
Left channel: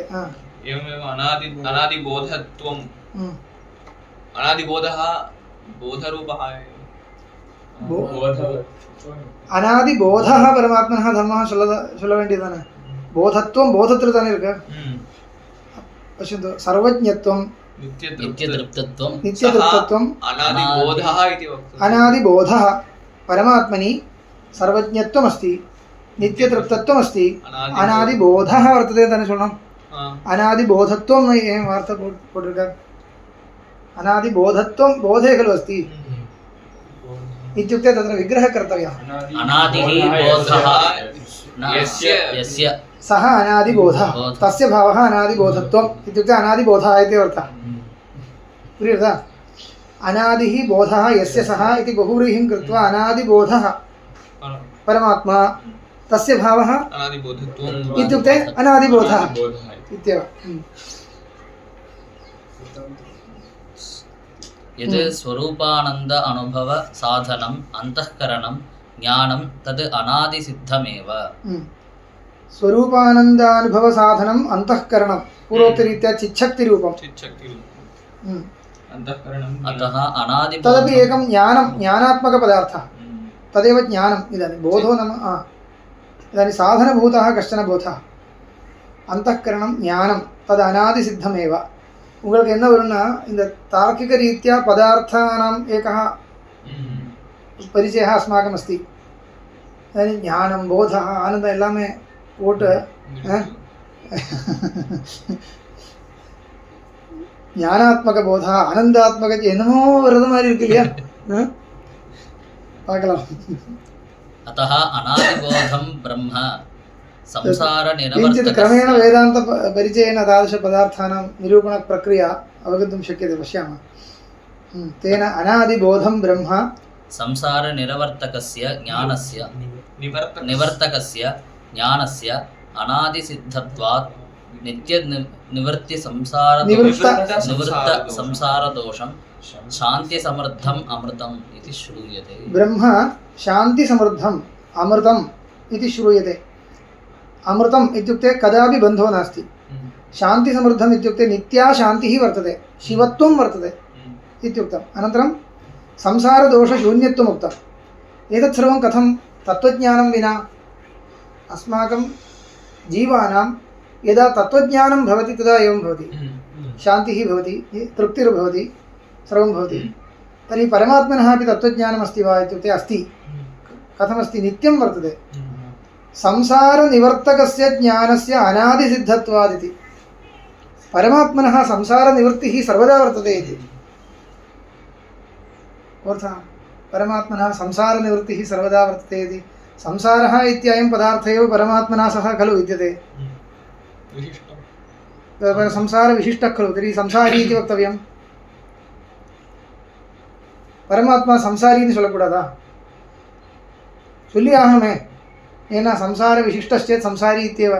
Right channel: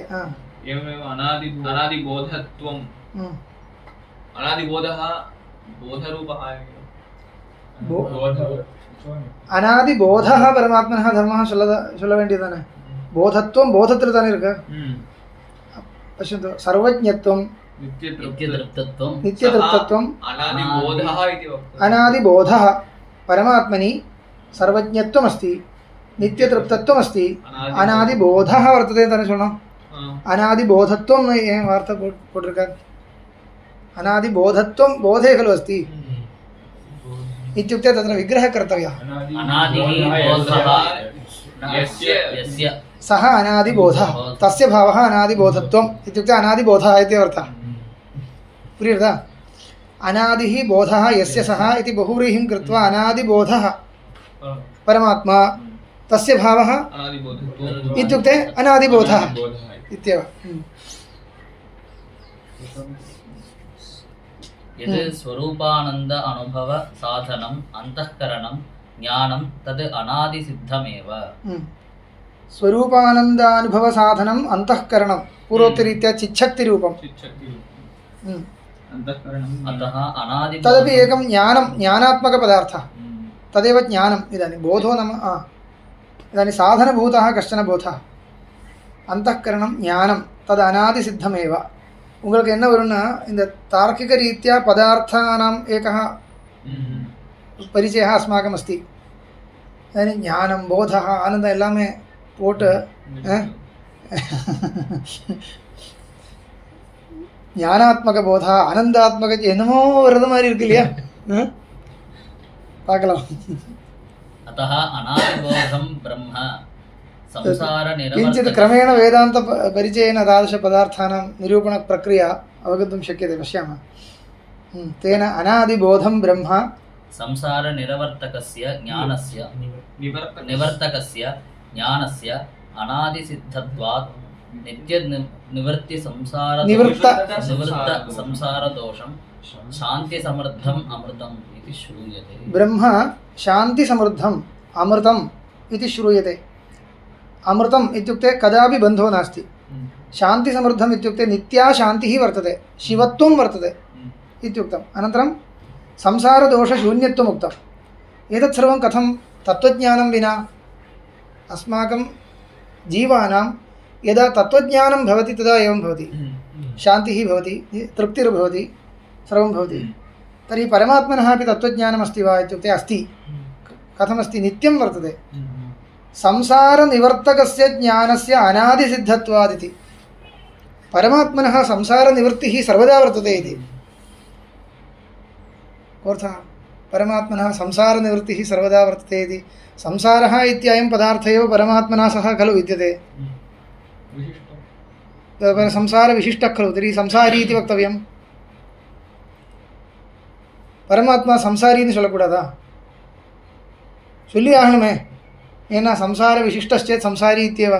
एवमेव अनादिबोधत्वं अनादिबोधः बोधरूपः अनादिबोधः परमात्मनः धर्मः சொல்ல வேண்டியதானே போதத்துவம் போதத்தில் தானே இருக்கு पश्यन्तु सर्वज्ञत्वं नित्यतृप्तत्वं अनादिबोधः परमात्मनि सर्वज्ञत्वम् अस्ति नित्यतृप्तत्वम् अस्ति अनादिबोधः वर्तते ताने சொல்லணும் अनादिबोधत्वं एवं वार्ता போட்டிருக்கார் अनादिबोधत्वं बोधे खलु अस्ति इत्युक्ते तत्र विग्रहः कर्तव्यः सः अनादिबोधः तस्य भावः अनादिबोधत्वम् इत्युक्ते अनादिबोधः इति अर्थः प्रियता अनादिः बोधः यस्य सः इति बहुव्रीहिं कृत्वा अनादिबोधः परमात्मा तस्य भावः इत्युक्ते अनादिबोधः इत्येव यद् स्वरूपानन्द अनुभव साधनम् अन्तःकरणं ज्ञानं तद् अनादिसिद्धमेव स्वरूपानन्दानुभव साधनम् अन्तःकरणं पूर्वोक्तरीत्या चिच्छक्तिरूपं अतः अनादि तदपि एकं ज्ञानात्मकपदार्थः तदेव ज्ञानम् इदानीं बोधो नाम इदानीं साधनभूतः कश्चन बोधः अन्तःकरणं ज्ञानं तद् अनादिसिद्धमेव உங்களுக்கு என்ன வரும்னா இந்த தார்க்கிக ரீதியா பதார்த்தானாம் ஏகः परिचयः अस्माकम् अस्ति इदानीं ज्ञानं बोधः आनन्दः எல்லாமே போட்டு ஞானாத்மக போதா ஆனந்தாத்மக என்னமோ வரது மாதிரி இருக்கு இல்லையா பார்க்கலாம் अतः अनादिबोधं ब्रह्म संसार किञ्चित् क्रमेण वेदान्त परिचयेन तादृशपदार्थानां निरूपणप्रक्रिया अवगन्तुं शक्यते पश्यामः तेन अनादिबोधं ब्रह्म संसार निवर्तकस्य ज्ञानस्य अनादिसिद्धत्वात् नित्य निवृत्ति निवृत्त संसार दोषं शांति समृद्धम् अमृतम् इति श्रूयते ब्रह्म शांति समृद्धम् अमृतम् इति श्रूयते अमृतम् इत्युक्ते कदापि बन्धो नास्ति शांति समृद्धम् इत्युक्ते नित्या शान्तिः वर्तते शिवत्वं वर्तते इत्युक्तम् अनन्तरं संसारदोषशून्यत्वम् उक्तम् एतत् सर्वं कथं तत्त्वज्ञानं विना अस्माकं जीवानां यदा तत्त्वज्ञानं भवति तदा एवं भवति शान्तिः भवति तृप्तिर्भवति सर्वं भवति तर्हि परमात्मनः अपि तत्त्वज्ञानमस्ति वा इत्युक्ते अस्ति कथमस्ति नित्यं वर्तते संसारनिवर्तकस्य ज्ञानस्य अनादिसिद्धत्वादिति परमात्मनः संसारनिवृत्तिः सर्वदा वर्तते इति अर्थः परमात्मनः संसारनिवृत्तिः सर्वदा वर्तते इति संसारः इत्ययं पदार्थ एव परमात्मना सह खलु विद्यते संसारविशिष्टः खलु तर्हि संसारी इति वक्तव्यं परमात्मा संसारी इति சொல்லக்கூடாதா சொல்லி ஆகணுமே ஏன்னா संसारविशिष्टश्चेत् संसारी इत्येव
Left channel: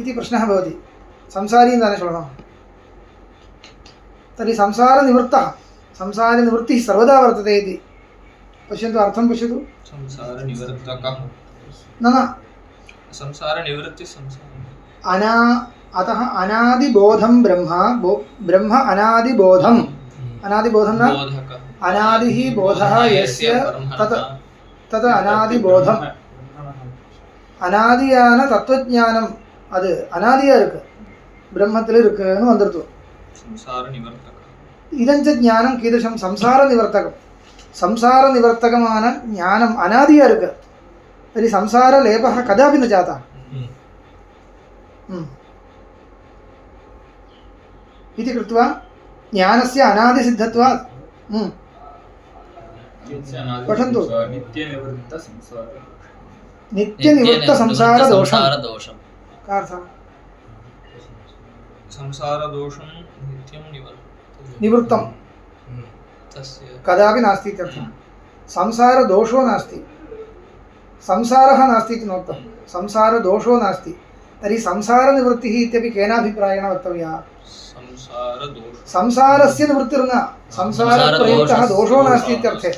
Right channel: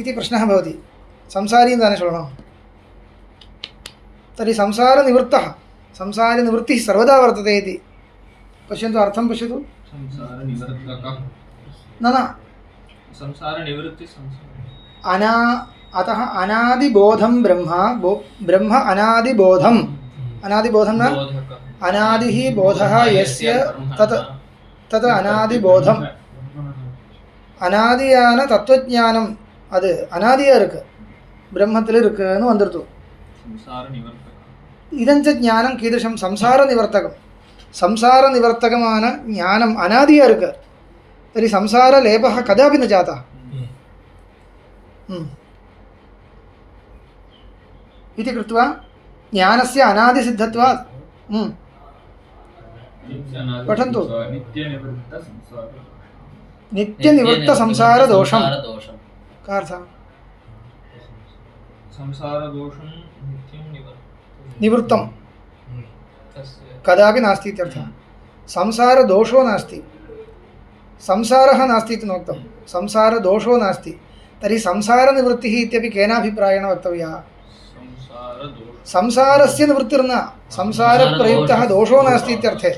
इति प्रश्नः भवति संसारी इति न சொல்லணும் तर्हि संसारनिवृत्तः संसारनिवृत्तिः सर्वदा वर्तते इति पश्यन्तु अर्थं पश्यतु संसारनिवर्तकः न संसारनिवृत्ति अतः अनादिबोधं ब्रह्म अनादिबोधम् अनादिबोधं न अनादिः बोधः यस्य तत् अनादिबोधम् अनादिயான தத்துவஞானம் அது அனாதியா இருக்கு பிரம்மத்தில் இருக்குன்னு வந்துருது ഇതഞ്ച ജ്ഞാനം കീദൃശം സംസാരനിവർത്തകം സംസാരനിവർത്തകமான ജ്ഞാനം അനാദിയാ இருக்கு तर्हि संसारलेपः कदापि न जातः इति कृत्वा ज्ञानस्य अनादिसिद्धत्वात् पठन्तु नित्यनिवृत्तसंसारदोषं का अर्थः संसारदोषं नित्यं निवृत्तं कदापि नास्ति इत्यर्थः संसारदोषो नास्ति संसारः नास्ति इति नोक्तं संसारदोषो नास्ति तर्हि संसारनिवृत्तिः इत्यपि केनाभिप्रायेण वक्तव्या संसारस्य निवृत्तिर्न संसारप्रयुक्तः दोषो नास्ति इत्यर्थे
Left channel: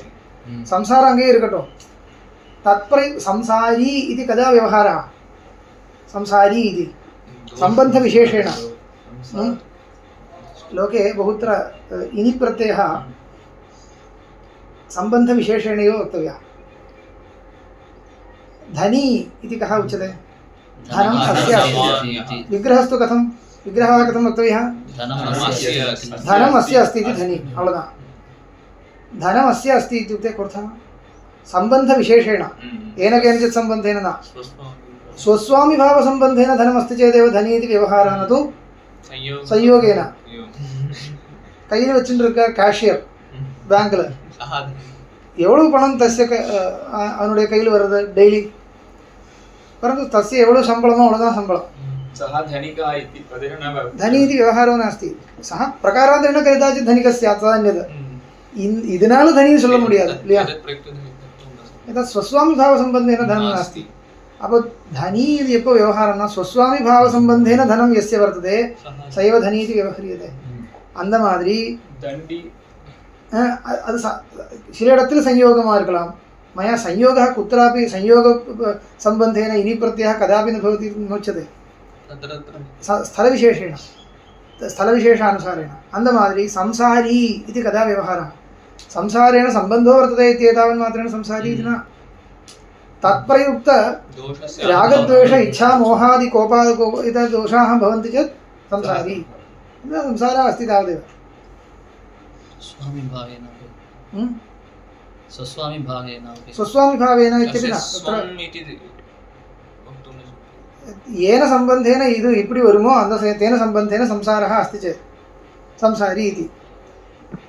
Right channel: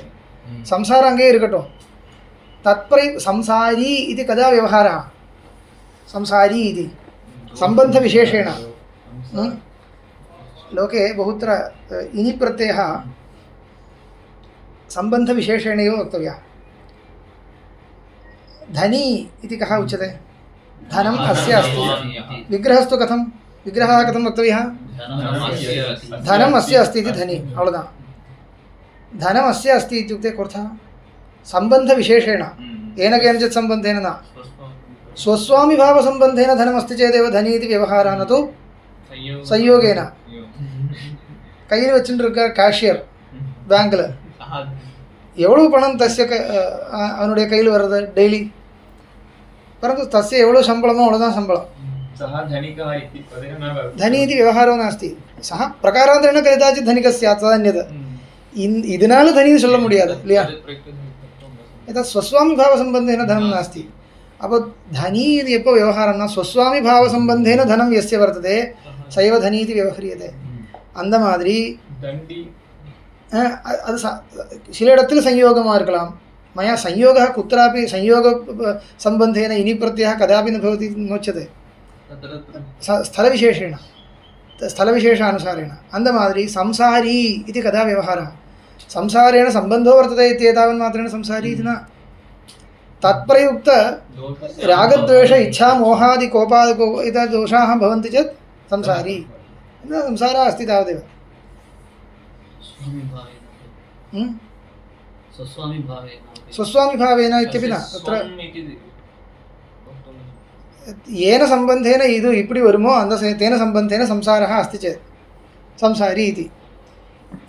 संसार अंगे इरुकटो संसारी इति कदा व्यवहारः संसारी इति सम्बन्धविशेषेण लोके बहुत्र इनि प्रत्ययः सम्बन्धविशेषेण एव वक्तव्यः धनी इति कः उच्यते धनम् अस्य विग्रहस्तु कथं विग्रहः कथं वक्तव्यः धनम् अस्य अस्ति इति धनी अवलदा धनम् अस्य अस्ति इत्युक्ते कोऽर्थः सम्बन्धविशेषेण येन केनचित् सम्बन्धेन न स्वस्वामिभावसम्बन्धेन धनमस्ति चेदेव धनी इति व्यवहारः न तु संयोगेन கையில் வச்சுட்டு இருக்க கேஷியர் பேங்க்ல எவ்வளவு பணம் தस्य அவனுடைய கையில் வருது டெய்லி परन्तु तस्य एवढो शम्बळमो अवळुदान शम्बळं सः धनिकः इति पदेन न भवति धनी इति व्यवहारो नास्ति सः प्रकारान्तरेण कदाचित् धनिकः स्यात् तदन्यत् இதனால धनी சொல்ல முடியாது இல்லையா यदा स्वस्वामिभावसम्बन्धेन धनं नास्ति அப்போ धनी இது எப்போ व्यवहारம்னா स्वस्वामिभावसम्बन्धेन धनं यस्य वर्तते स एव धनी इति व्यवह्रियते அந்த மாதிரி दण्डी அது சில இடத்துல संयोगமா இருக்கலாம் मया संयोगः कुत्रापि संयोग सम्बन्धेन इनि प्रत्ययः कदापि न भवति नोच्यते स्थलविशेषेण स्थलविशेषानुसारेण अंदमादिरी संसारी इति कदा व्यवहारः संसारेण सम्बन्धो वर्तते इत्येतावन्मात्रेण संसारी इति न तत्प्रयुक्त रागद्वेष इच्छा मोहादि कोपादि एतादृश दोषाः भवन्ति चेत् संसारी संसारः अस्ति तावदेव स्वस्वामिभावेन इत्यपि न तत्र येन सम्बन्धेन इदु इप्पडि वरुमो अंद तेन सम्बन्धेन संसारः अस्ति चेत् संसारी इति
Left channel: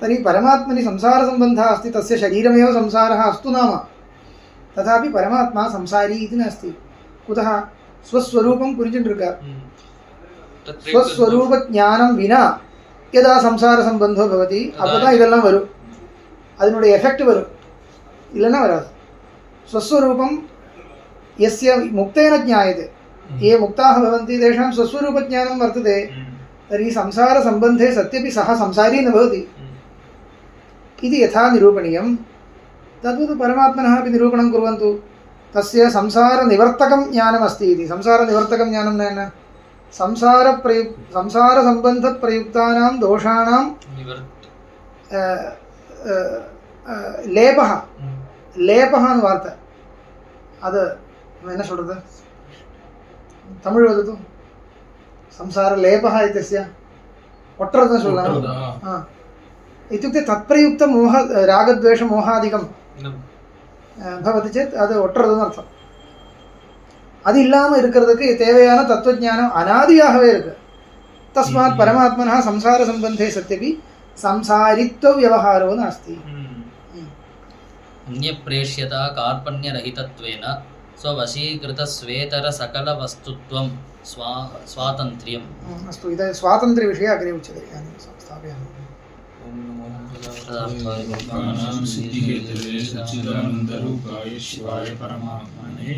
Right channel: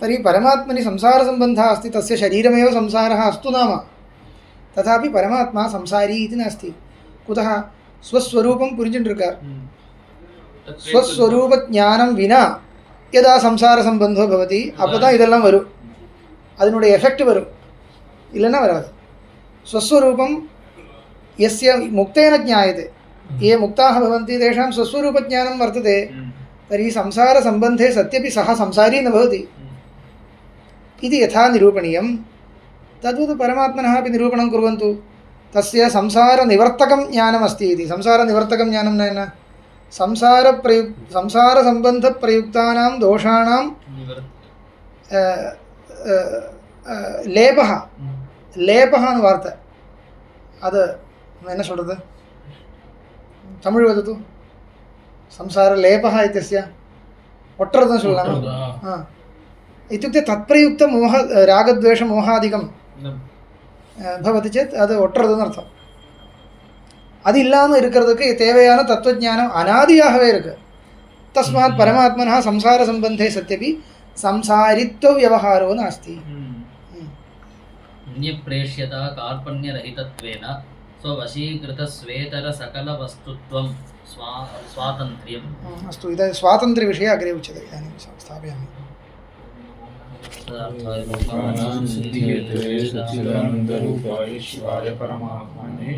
तर्हि परमात्मनि संसारसम्बन्धः अस्ति तस्य शरीरमेव संसारः अस्तु नाम तथापि परमात्मा संसारी इति नास्ति कुतः स्वस्वरूपं पुरिञ्चिट्टिरुक्कार स्वस्वरूपज्ञानं विना यदा संसारसम्बन्धो भवति अप्पदा इदेल्लाम वरुम அதனுடைய எஃபெக்ட் வரும் இல்லைன்னா வராது स्वस्वरूपं यस्य मुक्तेन ज्ञायते ये मुक्ताः भवन्ति तेषां स्वस्वरूपज्ञानं वर्तते तर्हि संसारसम्बन्धे सत्यपि सः संसारी न भवति इति यथा निरूपणीयं तद्वत् परमात्मनः अपि निरूपणं कुर्वन्तु तस्य संसारनिवर्तकं ज्ञानमस्ति इति संसारनिवर्तकं ज्ञानं न संसारसम्बन्धप्रयुक्तानां दोषाणां लेपः लेपः वार्ता அது என்ன சொல்றது தமிழ் வதது संसार लेपः इत्यस्य ಒಟ್ಟರದನ್ನು சொல்லலாம் इत्युक्ते तत्प्रयुक्त मोह रागद्वेष मोहादिकं भवति चेत् அது ஒட்டறதுன்னு அர்த்தம் அது இல்லாம இருக்கிறதுக்கு தேவையான தத்துவஞானம் அனாதியாகவே இருக்கு तस्मात् परमात्मनः संसार सम्बन्धे सत्यपि संसारित्व व्यवहारो नास्ति अन्यप्रेष्यता कार्पण्यरहितत्वेन स्ववशीकृतस्वेतर सकलवस्तुत्वं स्वातन्त्र्यम् अस्तु इदं स्वातन्त्र्यविषये अग्रे उच्यते इदानीं स्थापयामि सच्चिदानन्दरूपाय शिवाय परमात्मने